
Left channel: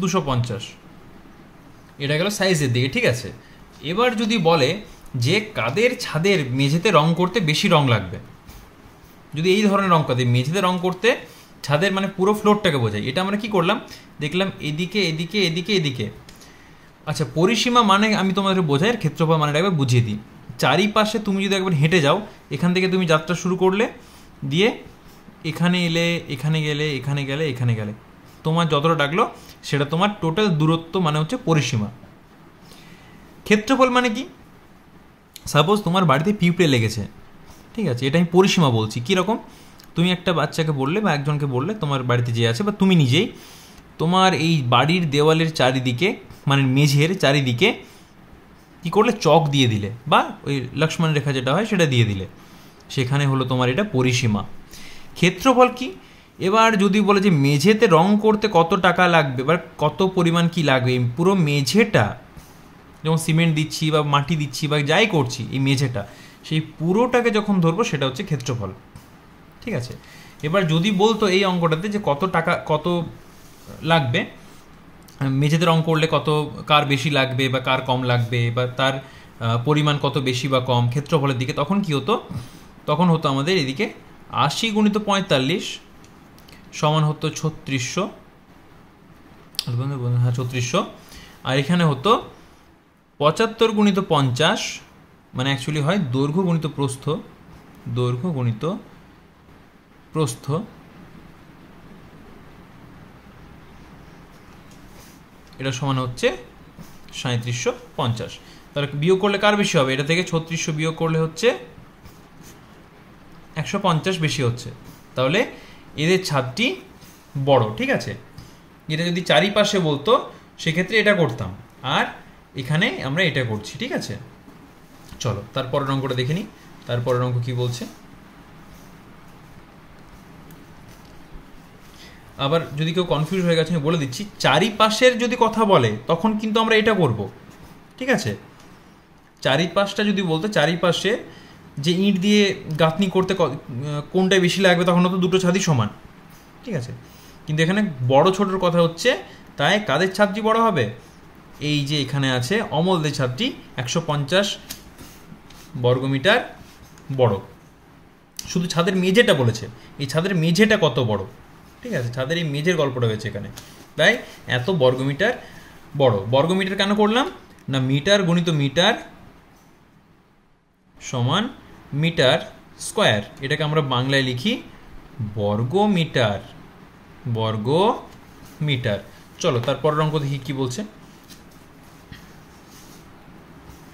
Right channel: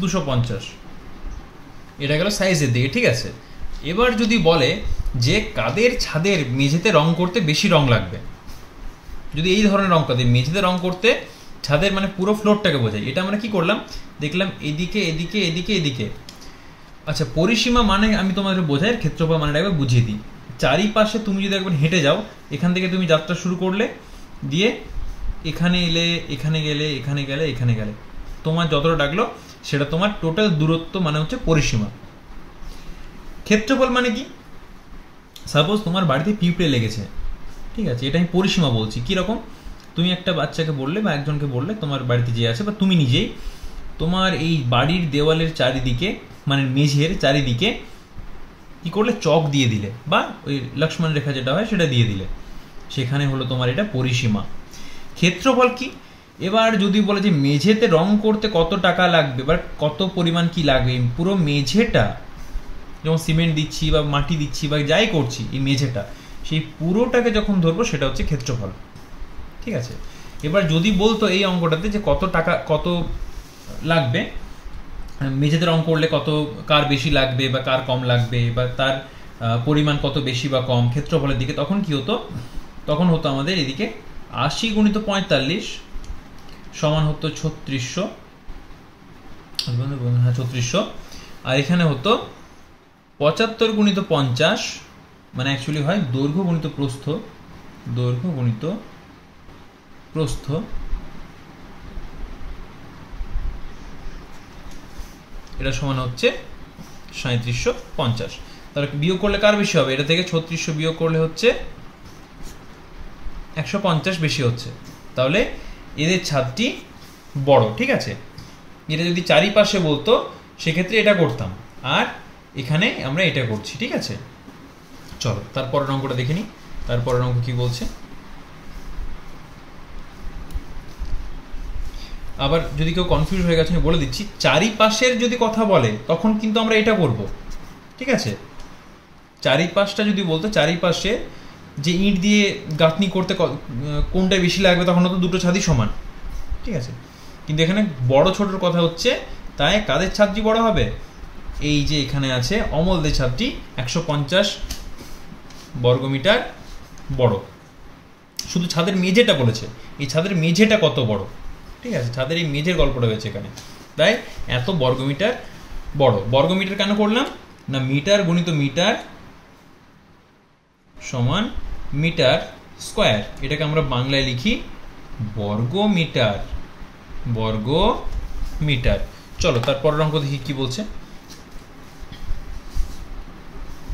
250। এটা গেল সাইজের দিকে, ঠিক আছে। এবার যদি বলে যে কাদের ছাদের মেঝেতে রং করতে বেশি রং লাগবে, যদি এই ধরনের রং কাদের মেঝেতে রং করতে, ছাদের মানে পুরো ফ্লোরটাকে বোঝায়, এটা আমরা কি করলাম দেখলাম এদিকে এদিকে এদিকে এদিকে। আচ্ছা পরিসীমা মানে আমি তোমাদের বোঝাই, ক্ষেত্রফল মানে একবার বুঝিয়ে দিই। চারিপাশে তুমি যদি একবার হেঁটে যাও, এখান থেকে তুমি যাত্রা শুরু করলে, দিয়ে এখানে এলে, এখানে গেলে, এখানে গেলে, এখানে গেলে, তোমার যতটা ডাকলো সেটা তোমার টোটাল দূরত্ব মানে হচ্ছে পরিসীমা। ক্ষেত্রফল মানে কি, সাপোজ তোমার বাড়িতে পিঁপড়ে লেগেছে, ঠিক আছে, এটা আমি পরিসীমা বলছি। কীরকম, তুমি একটা বাচ্চাকে বললে বা একজনকে বললে তোমার বাড়িতে যে আছে, বা তুমি নিজেই তোমার এই বাড়ির দেওয়ালের চারিদিকে মানে মেঝের চারিদিকে কি করলে, চক দিয়ে দিলে, বা ওই লক্ষ্মণ রেখা যেটা হয় সেটা দিয়ে দিলে, সেখানে হলো তোমার এটা পরিসীমা। ক্ষেত্রফল কি, এবার যদি বলে যে মেঝেতে রং করতে কত টাকা লাগবে বা কত পরিমাণ কি লাগবে, পুরো মেঝেটা যেমন সিমেন্ট দিচ্ছি বা মাটি দিচ্ছি বা যাই করছি, এই মেঝেটা সেই পুরোটাকে যখন ধরবো সেটা হচ্ছে ক্ষেত্রফল, ঠিক আছে। এবার যদি বলতো এই অঙ্কটাতে যে কত টাকা কত লাগবে, মেঝেতে রং করলে কত, কার বেশি লাগবে বা কার কম লাগবে, বা তার পরিমাণ কত বেশি বা কম ক্ষেত্রফলের দিকে, তখন কি হতো, তখন হতো আমাদের এদিকে 80 গুণিত 45 সমান হতো 3600, হ্যাঁ 3600, আর এখানে হতো 75 গুণিত 50 মানে অ্যাকচুয়ালি হয় দৈর্ঘ্য গুণিত প্রস্থ, দৈর্ঘ্য গুণিত প্রস্থ, এটা সমান হচ্ছে 3750। তাহলে বিয়োগ করলে কার বেশি হবে, এটা থেকে 3600 বিয়োগ করলে হচ্ছে 150 বেশি হচ্ছে, তাহলে এদের ছাদটি বড়, ঠিক আছে। এটা যদি চারিপাশে বলতো সেক্ষেত্রে এটা করতাম, আর এখানে আমরা এটা করছি, ঠিক আছে। চলো তারপরের অঙ্কটা দেখে নিই, তারপরের অঙ্ক কি বলছে। আবার যদি কেউ কনফিউজ হয়ে গেছে আমি বলে দিচ্ছি, চারিপাশের যদি কথা বলে তখন কিন্তু আমরা এটা করব, ঠিক আছে। চারিপাশটা যদি বলতো, চারিপাশে যে ইট দিয়ে গাঁথনি করতে কোনটা বেশি লাগবে, তখন তো দুটো ছাদই সমান, ঠিক আছে। কিন্তু এখানে বড় ছোটর কথা হচ্ছে, তাই কাদের ছাদটি বড় হবে, এই যে এখানে আছে অমলদের ছাদটি 150 বর্গমিটার বড়। শুধু ছাদের মেঝেটা বলেছে, এই ছাদের মেঝেটা কত বড়, ঠিক আছে, ছাদের এই মেঝের গল্পটা হয়েছে এখানে, তাই এত বর্গমিটার বড়। বর্গমিটার কেন করলাম না, মিটার গুণিত মিটার সমান মিটার স্কোয়ার, এটাকে আমরা বাংলায় লিখি বর্গমিটার, বর্গমিটার। চলো তারপরের অঙ্ক দেখি কি বলছে।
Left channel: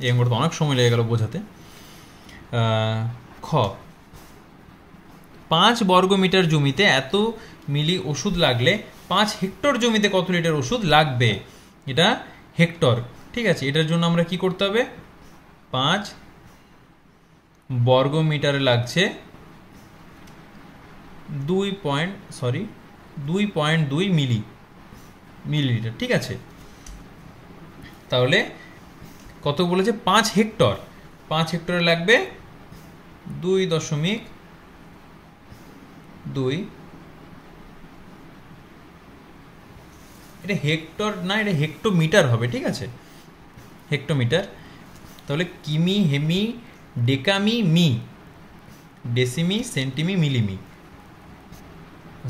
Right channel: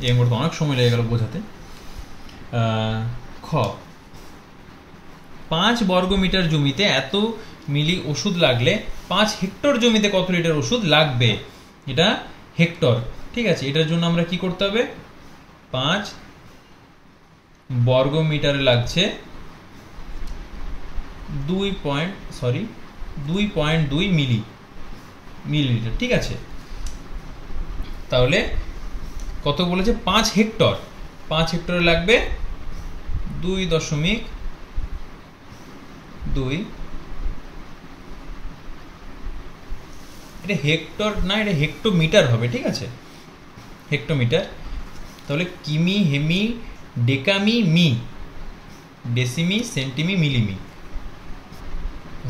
এই অঙ্কটা অনেক সময় লেগে গেল বোঝাতে। খ, 5 বর্গমিটার জমিতে এত মিলি ওষুধ লাগলে 5 হেক্টর জমিতে কত লিটার ওষুধ লাগবে, এটা হেক্টর, ঠিক আছে। এটার জন্য আমরা কি করতে হবে, 5 বর্গমিটারে লাগছে 2.2 মিলিলিটার, ঠিক আছে। তাহলে কত বলেছে, 5 হেক্টর, 5 হেক্টরে লাগবে 2.2, এটা হেক্টর না, এটা হেক্টোমিটার হবে, ঠিক আছে, হেক্টোমিটার। তাহলে কিমি, হেমি, ডেকামি, মি, ডেসিমি, সেন্টিমি, মিলিমি,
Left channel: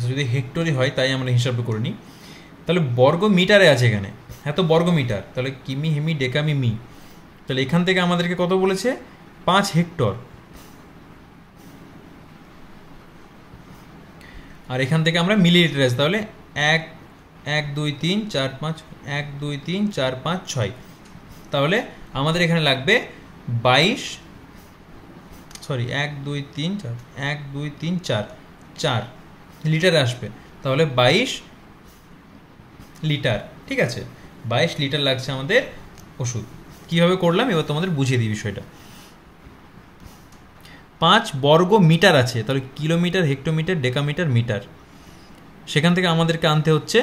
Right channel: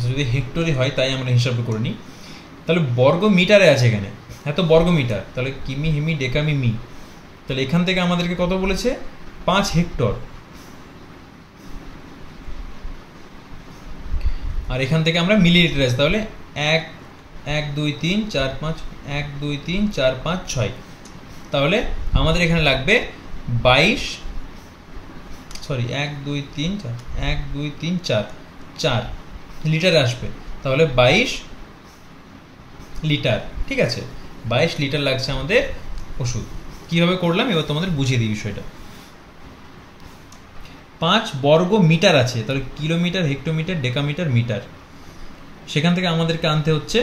যদি হেক্টরে হয় তাই আমরা হিসাব করে নিই। তাহলে বর্গ মিটারে আছে এখানে, এত বর্গ মিটার, তাহলে কিমি, হেমি, ডেকামি, মি, তাহলে এখান থেকে আমাদেরকে কত বলেছে, 5 হেক্টর। আর এখান থেকে আমরা মিলিলিটার আছে, তাহলে 1 1 2 3 4 5 1 2 3 4 5 6, তাহলে আমাদের এখানে লাগবে 22, সরি 1 2 3 4 1 2 3 4 4 লিটারে আসবে, তাহলে 22 লিটার। ঠিক আছে, 22 লিটার লাগছে আমাদের ওষুধ। কিভাবে করলাম এবার তোমাদের বুঝিয়ে দিই বিষয়টা। 5 বর্গ মিটার আছে, তাহলে কিলোমিটার, হেক্টোমিটার, ডেকামিটার, মিটার, সেখান থেকে আমাদেরকে আনতে হচ্ছে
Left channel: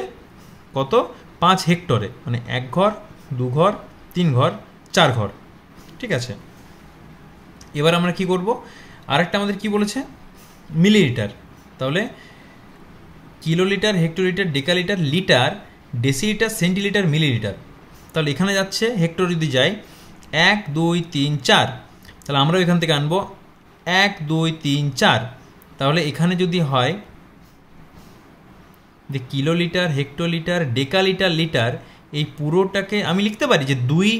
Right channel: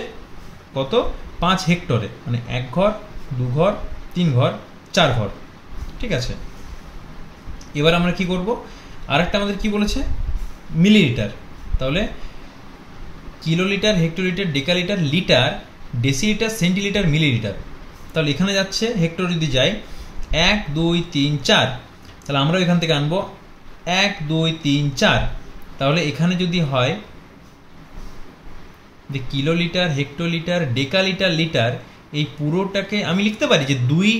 কত, 5 হেক্টরে, মানে 1 ঘর 2 ঘর 3 ঘর 4 ঘর। ঠিক আছে, এবার আমরা কি করব, আরেকটা আমাদের কি বলেছে, মিলিলিটার, তাহলে kilolitre, hectolitre, decalitre, litre, decilitre, centilitre, millilitre. তাহলে এখানে যাচ্ছে হেক্টর যদি যাই 1 2 3 4, তাহলে আমরা এখান থেকে আনবো 1 2 3 4, তাহলে এখানে যদি হয় যে কিলোলিটার, হেক্টোলিটার, ডেকালিটার, লিটার, এই পুরোটাকে আমি লিখতে পারি যে 2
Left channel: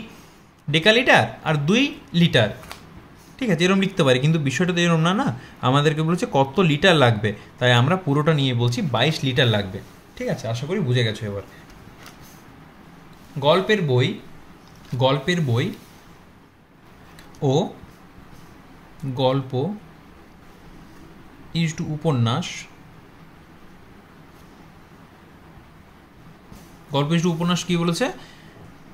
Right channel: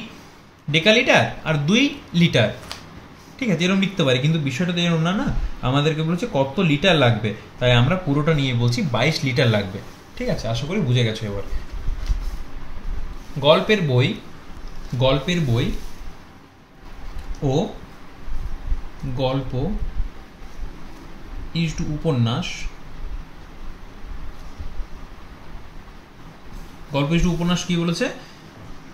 ডেকালিটার আর 2 লিটার। ঠিক আছে, এরকম লিখতে পারি, কিন্তু বিষয়টা তো এরকম না, না আমাদেরকে বলছে কত লিটার লাগবে, তাই আমরা পুরোটা নিয়ে বলছি 22 লিটার লাগবে। ঠিক আছে, আশা করি বুঝে গেছো। এবার গল্পের বই ও গল্প ইজ টু উপন্যাস, গল্প ইজ টু উপন্যাস কি বলেছে,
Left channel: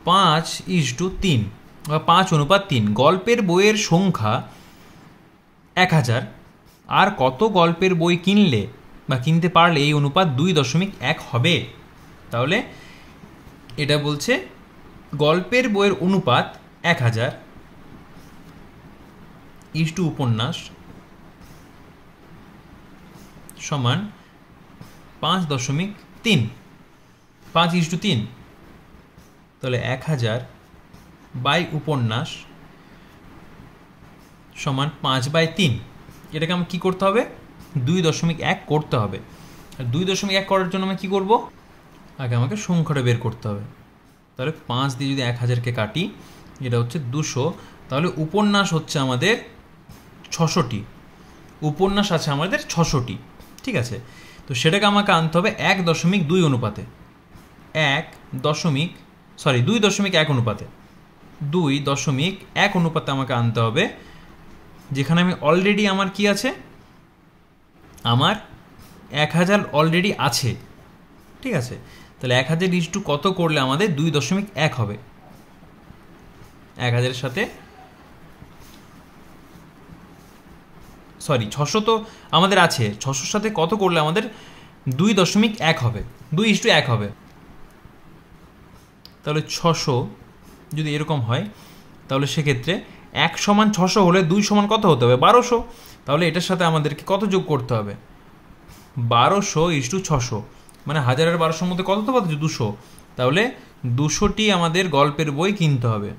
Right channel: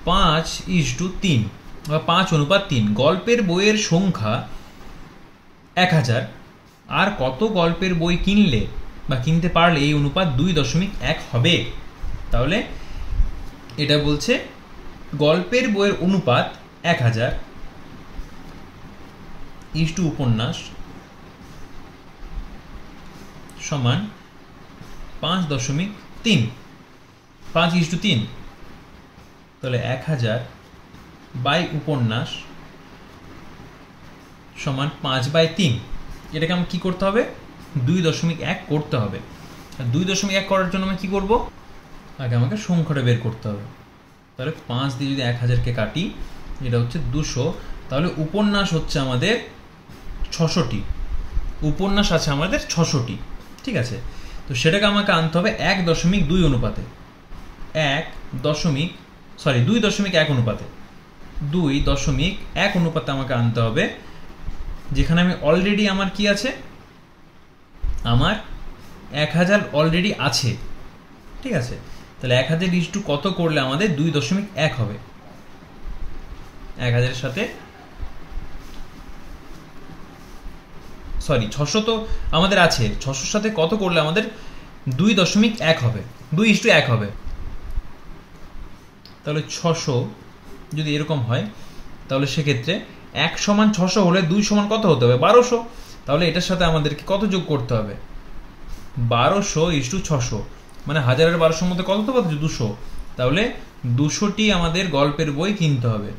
5:3 বা 5:3। গল্পের বইয়ের সংখ্যা 1000, আর কত গল্পের বই কিনলে বা কিনতে পারলে এই অনুপাত 2.1 হবে। তাহলে এটা বলছে গল্পের বইয়ের অনুপাত 1000 ইজ টু উপন্যাস সমান 5.3, 5:3, তাহলে 1000 বাই উপন্যাস সমান 5/3। এটাকে আমি কি করতে হবে, 2.1 করতে হবে। আর 2.1 করার জন্য আমি কি করব, আগে আমাকে সংখ্যাটা বের করতে হবে। তাহলে 5 দিয়ে যদি 1000কে কাটি, এটা হচ্ছে 200, তাহলে উপন্যাস হচ্ছে আমাদের 600টি, উপন্যাস আছে আমাদের 600টি। ঠিক আছে, তো সেটাকে আমাকে আনতে হবে 1.2 অনুপাতে, 2.1 অনুপাতে, 2.1 অনুপাতে আমাকে আনতে হবে, যেখানে আমি অলরেডি আমার কি আছে, আমার 1000 অলরেডি আছে। ঠিক আছে, তাহলে 1000 ইজ টু কত করলে আমাদের 2.1 হবে, 1000 এর সাথে, সরি 600 তো আমাদের আছে, 600 সাথে কত করলে আমাদের 2.1 হবে, 2:1 হবে। তাহলে 600 যদি এরকম হয়, তাহলে সেক্ষেত্রে 1 সমান 600 হলে 2 সমান কত হতে হবে, 1200। তাহলে এটার সাথে আমাদেরকে কত যোগ করতে হবে, 1200:600, মানে 1000 আর 1200 মধ্যে কত তো 200। তাহলে 200টি আমাদের গল্পের বই কিনতে হবে,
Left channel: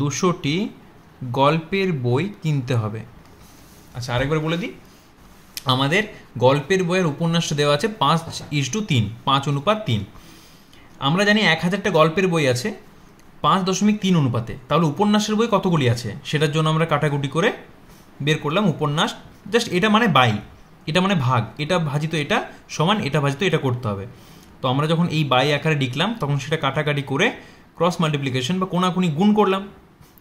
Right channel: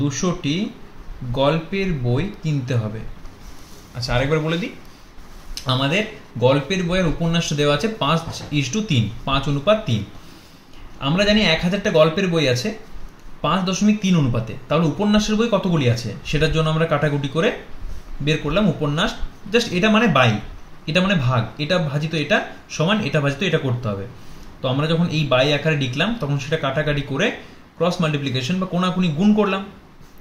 200টি গল্পের বই কিনতে হবে। আচ্ছা, আরেকবার বলে দিই, আমাদের গল্পের বইয়ের উপন্যাসটা দেওয়া আছে 5:3, 5:3। আমরা জানি 1000টা গল্পের বই আছে 5.3 অনুপাতে, তাহলে উপন্যাসের বই কতগুলি আছে সেটার জন্য আমরা কাটাকুটি করে বের করলাম উপন্যাস, জাস্ট এটা মানে বাই, এটা মানে ভাগ, এটা ভাজিত এটা সমান এটা ভাজিত এটা করতে হবে। তো আমরা যখন এই বাই আকারে লিখলাম, তখন সেটা কাটাকাটি করে ক্রস মাল্টিপ্লিকেশন বা কোনাকুনি গুণ করলাম,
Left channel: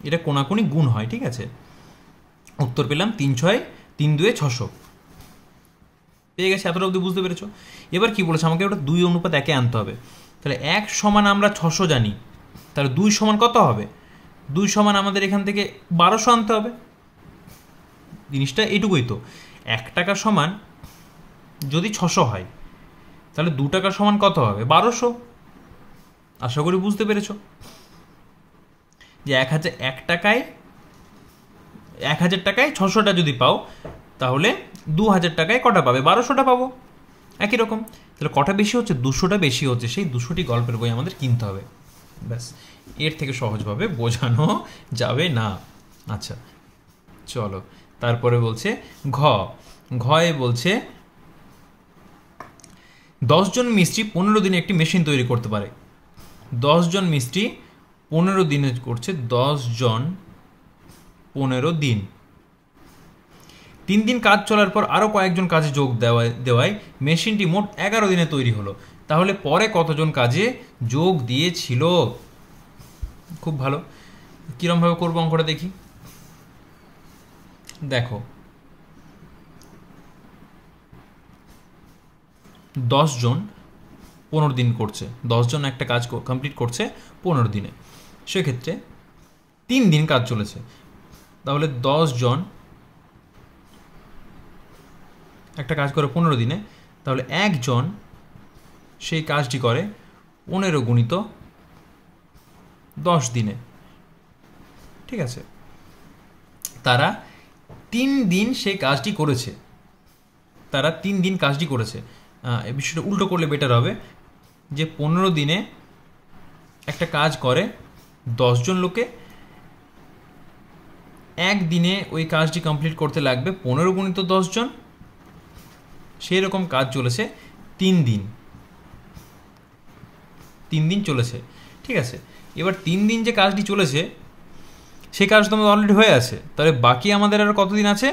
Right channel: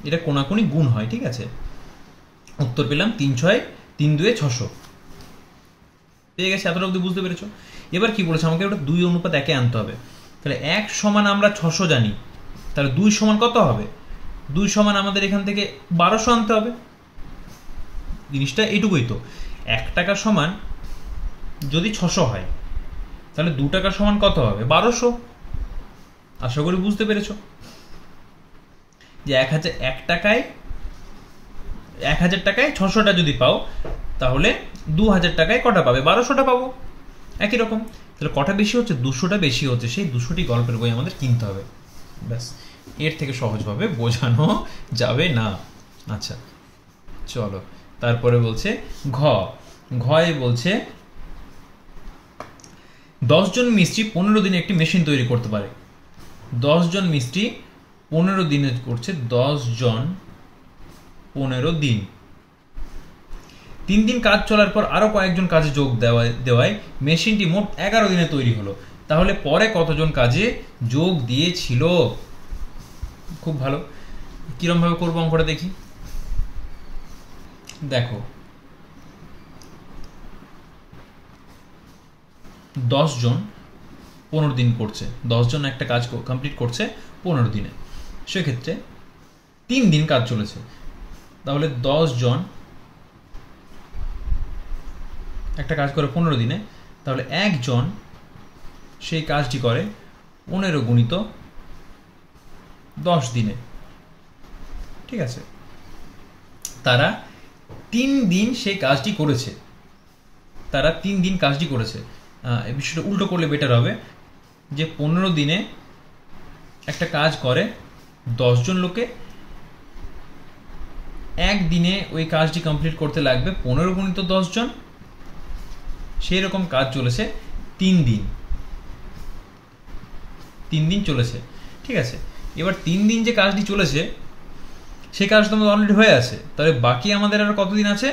এটা কোনাকুনি গুণ হয়। ঠিক আছে, উত্তর পেলাম 3/6 পেয়ে গেছে। এতটা অবধি বুঝতে পেরেছো? এবার কি বলেছে, আমাকে ওটা 2:1 আনতে হবে। তাহলে 1 সমান আমরা 600 জানি, তাহলে 2 সমান কত হবে, 2 সমান আমাদের এখান থেকে 1200 আনতে হবে। জিনিসটা এইটুকুই তো, 1 টাকা সমান যদি 600 হয়, তাহলে 2 টাকা সমান কত হবে, 1200। আশা করি বুঝতে পেরেছো যে 1000 টাকায় 600টা যদি পাও, তাহলে 2000 টাকায় কটা পাবে, 1200টা পাবো। একই রকম, তাহলে কটা বেশি হচ্ছে, 200টা বেশি হচ্ছে, সেই 200টি গল্পের বই আমাদের কিনতে হবে। ব্যাস, এর থেকে সহজভাবে বোঝানো যাবে না। আচ্ছা চলো, তারপরে বলছে ঘয়ে বলছে 10 জন মিস্ত্রি 15 দিনে একটি মেশিন তৈরি করতে পারে। 10 জন মিস্ত্রি 15 দিনে করছে, 10 জন 15 দিন। 3 দিন কাজ চলার পর আরও কয়েকজন কাজে যোগ দেওয়ায় মেশিনটি মোট 11 দিনে তৈরি হলো। তাহলে পরে কতজন কাজে যোগ দিয়েছিল? খুব ভালো। কিরমভাবে করবো অঙ্কটা দেখি। দেখো, 10 জন 15 দিন করছে, 10 জন একটা কাজ কমপ্লিট করছে 15 দিনে, সেক্ষেত্রে 3 দিন কাজ চলেছে। তাহলে 10 জন একটা কাজ করে 15 দিনে, তাহলে একজন সেই কাজটি করে 15 গুণিত 10 দিনে। ঠিক আছে, তারা 3 দিন সেই কাজটি করেছে, তারা 3 দিন কাজটি করেছে। এই বিষয়টা উল্টো করলে বেটার হবে, যে 15 দিনে একটা কাজ করে 10 জন লোকে, একদিনে ওই কাজটি কমপ্লিট করতে লাগবে 15 গুণিত 10 জন, সেই রকম কাজ চলেছে 3 দিন, 3 দিন চলেছে। ঠিক আছে, এবার 3 দিন যে কাজটি চলেছে সেই কাজ তো আমাদের অলরেডি হয়ে আছে, তাহলে বাকি আমাদের আর কতদিন আছে?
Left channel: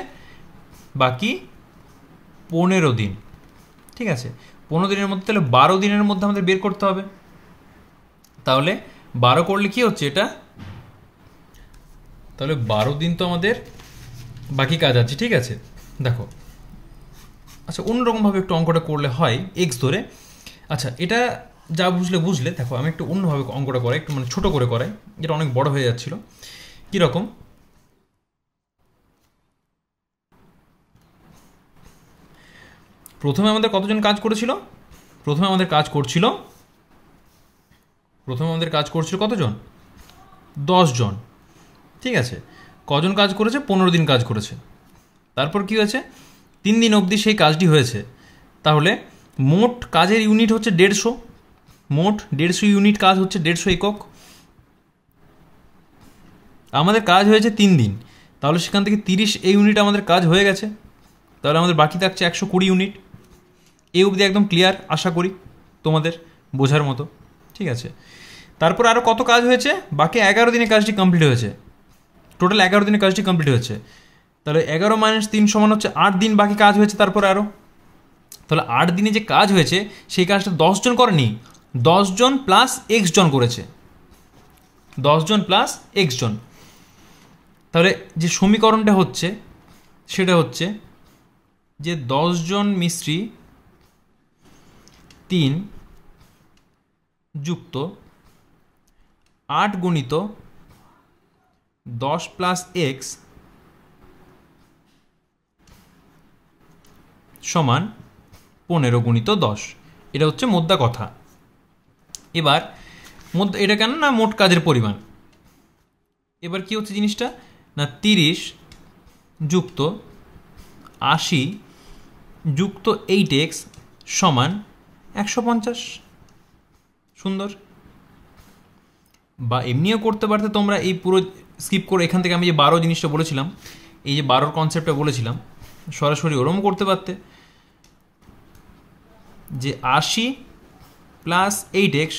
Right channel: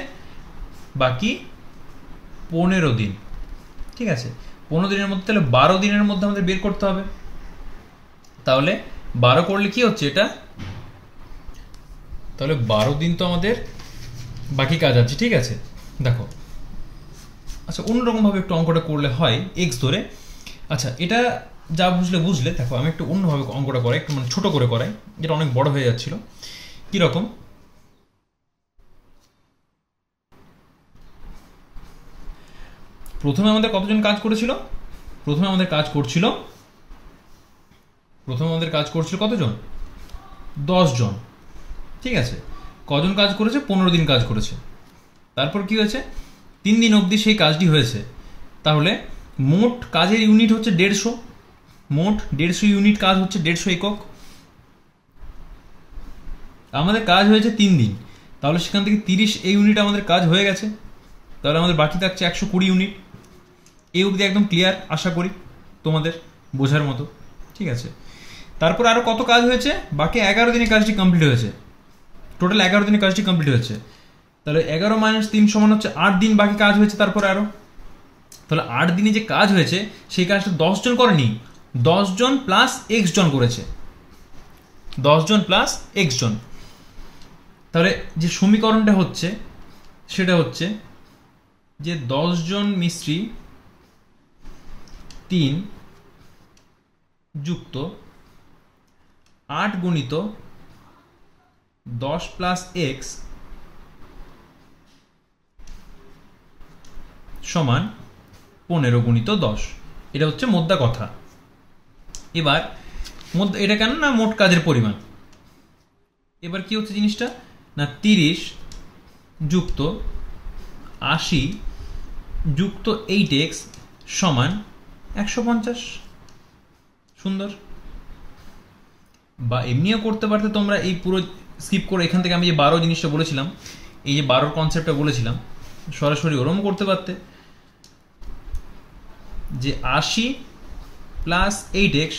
বাকি 15 দিন। ঠিক আছে, 15 দিনের মধ্যে তাহলে 12 দিনের মধ্যে আমাদের বের করতে হবে। তাহলে 12 করলে কি হচ্ছে এটা? তাহলে 12 দিন তো আমাদের বাকি কাজ আছে। ঠিক আছে, দেখো, আচ্ছা অন্যরকমভাবে একটু অঙ্কটা করলে হয় এক্স ধরে। আচ্ছা, এটা যা বুঝলে দেখো, আমি একটু অন্যভাবে অঙ্কটা করাই, একটু মানে ছোট করে করাই, যেটা অনেক বড় হয়ে যাচ্ছিল। কিরকম? প্রথমে আমাদের কতজন কাজ করেছিল? প্রথমে আমাদের কাজ করছিল কতজন? 10 জন। ঠিক আছে, কজন কাজ করেছে? 15 দিন কাজ করেছে। তারপর কি হয়েছে? 3 দিন অবধি সেই কাজটি হয়েছে। তাহলে মোট কাজের ইউনিট হচ্ছে 150, মোট 150 ইউনিট কাজ হচ্ছে 150 একক। আমাদের কাজ হয়েছে 3 দিন, তাহলে সেখান থেকে 30 ইউনিট আমাদের কাজ হয়ে গেছে। তাহলে আমাদের বাকি থাকছে 120 ইউনিট। এই অবধি একদম ক্লিয়ার, আশা করি তোমাদের বোঝার মতো। ঠিক আছে, তারপর আরও কত কাজ হয়েছে? বাকি 11 দিনে কাজটি কমপ্লিট হয়েছে, টোটাল 11 দিনে কাজটি কমপ্লিট হয়েছে। তাহলে 11 - 3 সমান হচ্ছে 8 দিন বাকি কাজ হয়েছে তারপর আরও। তাহলে 8 দিনে যে কাজ হয়েছে সেই কাজটা 10 জন করেনি, 10 জন প্লাস এক্স জন করেছে, 10 জন প্লাস এক্স জন। তাহলে যে সমীকরণটা হচ্ছে সেটা হচ্ছে যে 10 জন মিস্ত্রি 3 যুক্ত 8 গুণিত 10 প্লাস এক্স সমান 15 গুণিত 10। এটা হচ্ছে মোদ্দা কথা। এবার এটা কেন না মোট কাজের পরিমাণ। এবার কি হচ্ছে জিনিসটা না 30 যুক্ত 80 যুক্ত 8x সমান 150। সুন্দর। বা এমনিও করতে পারতে তোমরা, এই পুরো স্কিপ করে এখান থেকে আমি যে 12 জিনিসটা বলেছিলাম, এই যে 12 কনসেপ্টটা বলেছিলাম, সরাসরি ওরমও করতে পারতে, যে 80 প্লাস 8x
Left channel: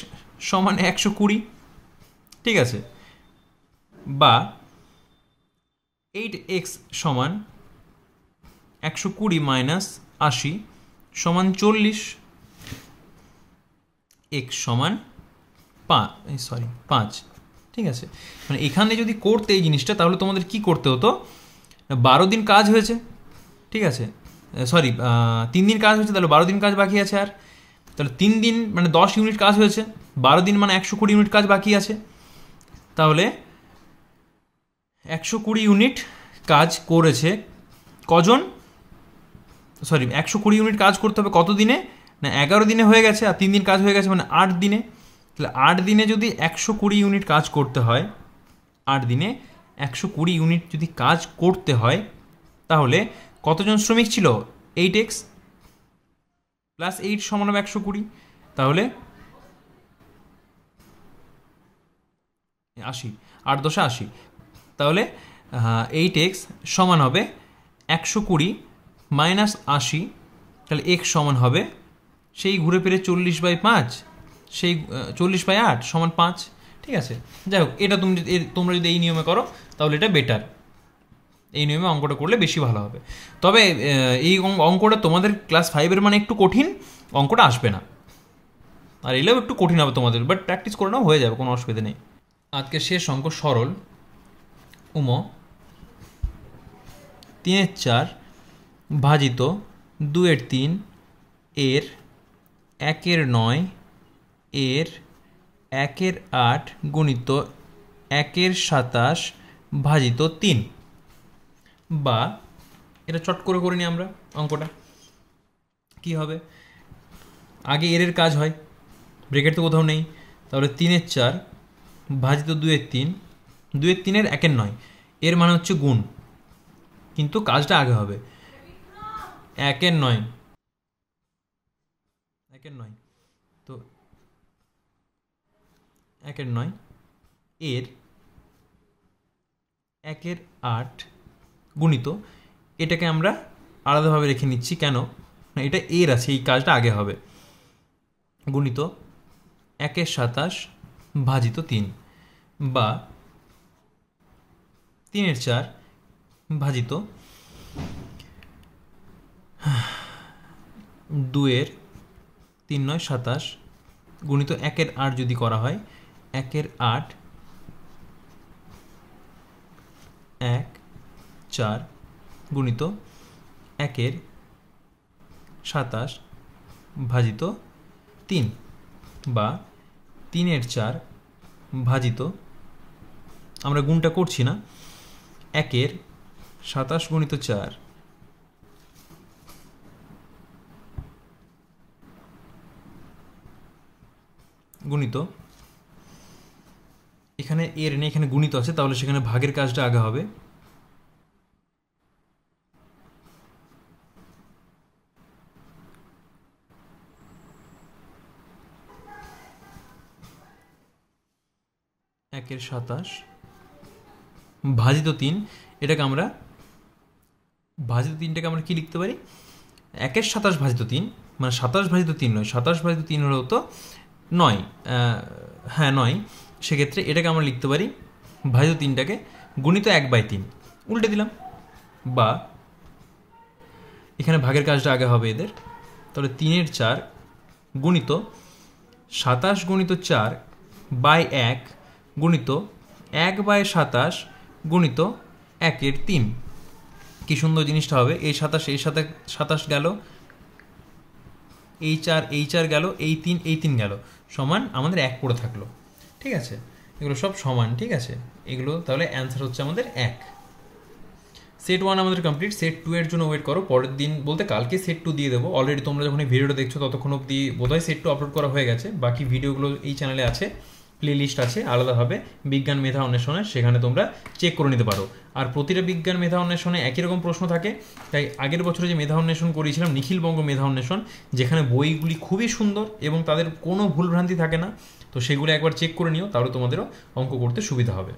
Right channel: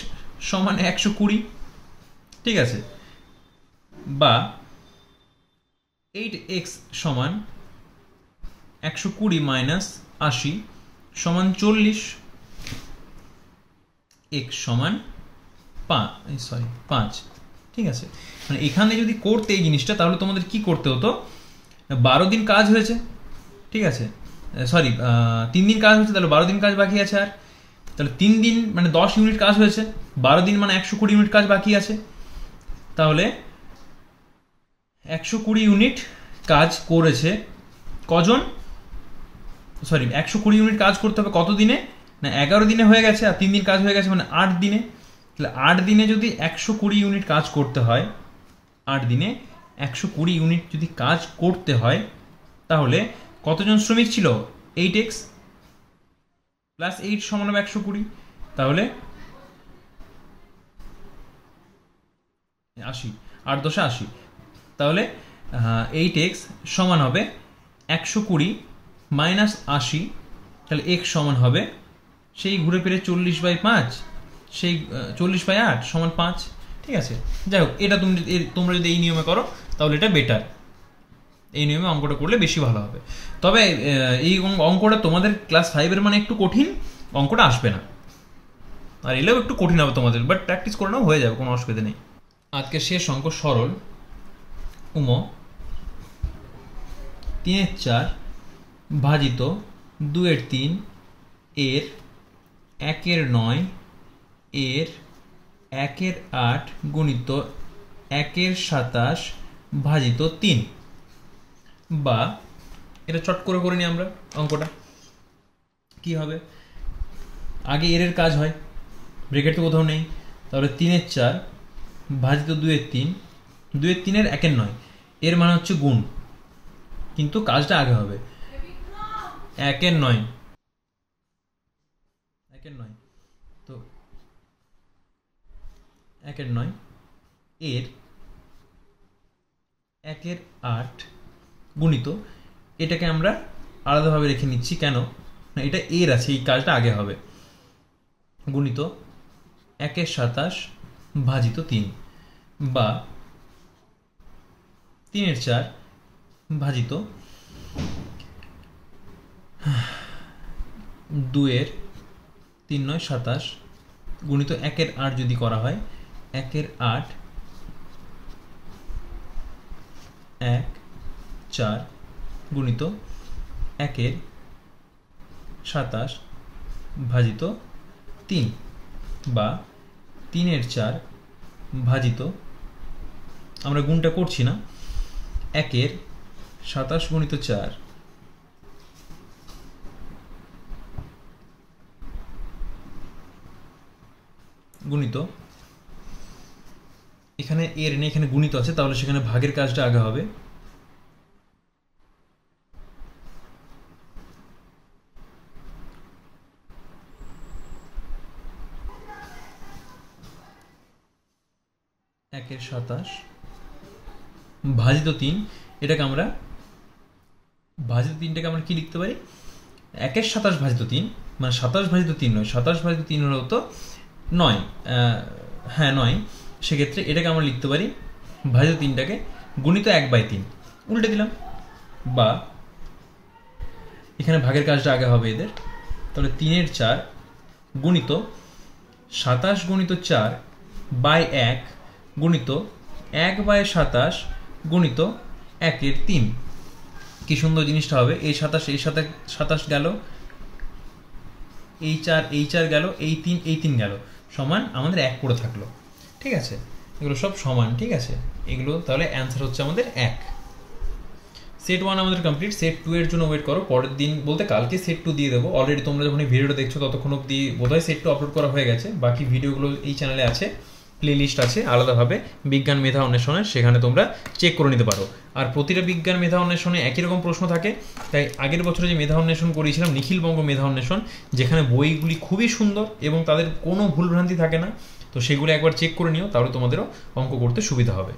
সমান 120। ঠিক আছে, বা 8x সমান 120 মাইনাস 80 সমান 40, x সমান 5। ঠিক আছে, মানে এখানে যদি করতে এই জিনিসটা, তাহলে তোমাদের কি করতে হতো? 12 দিন কাজ হয়েছে, ঠিক আছে, 3 দিন কাজ হয়েছে, তাহলে 12 দিন কাজ বাকি আছে। আর তাহলে 3 দিন মানে 10 ইউনিট কাজ হয়েছে, 12 দিন মানে 120 ইউনিট কাজ বাকি আছে। তাহলে 120 ইউনিট কাজ করেছে কজন? 120 ইউনিট কাজ করতে হবে কত দিনে? না 11 দিনে হয়ে গেছে, আর 3 দিন কাজ হয়ে গেছে, মানে 8 দিনে। তাহলে 8 দিনে যদি 120 ইউনিট কাজ করতে হয়, 8 দিনে 120 ইউনিট যদি কাজ করতে হয়, তাহলে কতজন শ্রমিক ছিল? 8x প্লাস 8 সমান হবে 120, তাহলে 80, 8 10 80। তাহলে 8x সমান হবে 120 মাইনাস 80, তাহলে x সমান হবে সেই ঘুরে ফিরে 40/5, সেই 40/8 সমান 5। ঠিক আছে, যাই হোক, এটা তোমরা যদি এই নিয়মে করো তাহলে এটা বেটার, এই নিয়মে অঙ্কটা করলে বেশি ভালো হবে। তবে এই অঙ্কটা তোমাদের ক্লাস 5-এর মানে একটু কঠিন, অঙ্কটা আসবে না, আর এলেও একটু কঠিন হবে তোমাদের, বাট প্র্যাকটিস করে নাও, হয়ে যাবে, কোনো অসুবিধা নেই। আজকে শেষ অঙ্ক সরল উম 3/4 ভাজিত 2/3 এর 1/9 এর 1/8 গুণিত 1/27 ভাজিত 3, বা এটা চট করে করে নিই আমরা অঙ্কটা। কি হবে, আগে এর কাজ হয়, ব্রেকেট তো কোথাও নেই, তাহলে 3/4 ভাজিত 2/3, 2/3 1/9, এর মানে হচ্ছে গুণ, কিন্তু কাজটা আগে হবে 1/9, তো 1/9 এর 1/8 গুণিত, এটাকে আমরা আলাদাভাবে রেখে নিচ্ছি, কেন না এটা এর আছে, এই কাজটা আগে হবে, গুণিত 1/27 ভাজিত 3, বা 3/4 ভাজিত 2/3/9 27 গুণিত 1/8 যদি করা হয় 1/8 1/4 গুণিত 1/27 ভাজিত 3, বা 3/4 ভাজিত, আমরা গুণটা করছি না, 1/27 গুণিত 4 গুণিত, এখানে এর নেই, এখানে গুণিত আছে, তাহলে সেখানে ভাগের কাজটা আগে হবে, একের 27 ভাজিত 3, এটাকে আমরা ভাজিত 3টাকে আমরা কি লিখতে পারি, 1/27 ভাজিত 3, মানে 27 ভাজিত 3 নয়, 27 ভাজিত 3 হলেও তো 9, হ্যাঁ 9, সেক্ষেত্রে এটাকে আমরা লিখতে পারি ভাজিত 3টাকে গুণিত 1/3, উল্টে দিলাম, বা এখানে ভাগের কাজটা আগে হবে এদের, তাহলে 3/4 গুণিত 27 গুণিত 4/1 গুণিত 1/27 গুণিত 1/3, কি সুন্দর জিনিসটা হবে, এই 27 এই সাথে 27 গেল, এই 4 গেল, এই 3 গেল, সমান আমাদের 1 পড়ে থাকলো, ঠিক আছে, এগুলো সব সমান, ঠিক আছে, এগুলো তাহলে অ্যান্সার হচ্ছে আমাদের 1। সেট 1 আমাদের কমপ্লিট, সেট 2 এর জন্য ওয়েট করো, পরের দিন বলতে কালকে সেট 2 দিয়ে দেবো, অলরেডি তোমরা যখন এই ভিডিওটা দেখছো ততক্ষণ অবধি বোধহয় সেট 2 আপলোড করা হয়ে গেছে, বাকি ভিডিওগুলো এই চ্যানেলে আছে, প্লে লিস্ট আছে আলাদাভাবে বিজ্ঞান মেধা অন্বেষণের, সেখানে তোমরা চেক করে নিতে পারো। আর প্রতিটা বিজ্ঞান মেধা অন্বেষণে একই রকম প্রশ্ন থাকে, তাই আগের বছরে যে মেধা অন্বেষণ করিয়েছিলাম নিখিলবঙ্গ মেধা অন্বেষণ, যেখানে বইগুলি খুবই সুন্দর এবং তাদের কোনো ভুলভ্রান্তি থাকে না, তো সেগুলো একবার চেক করে নিও, তাহলে তোমাদেরও অঙ্ক করতে সুবিধা হবে।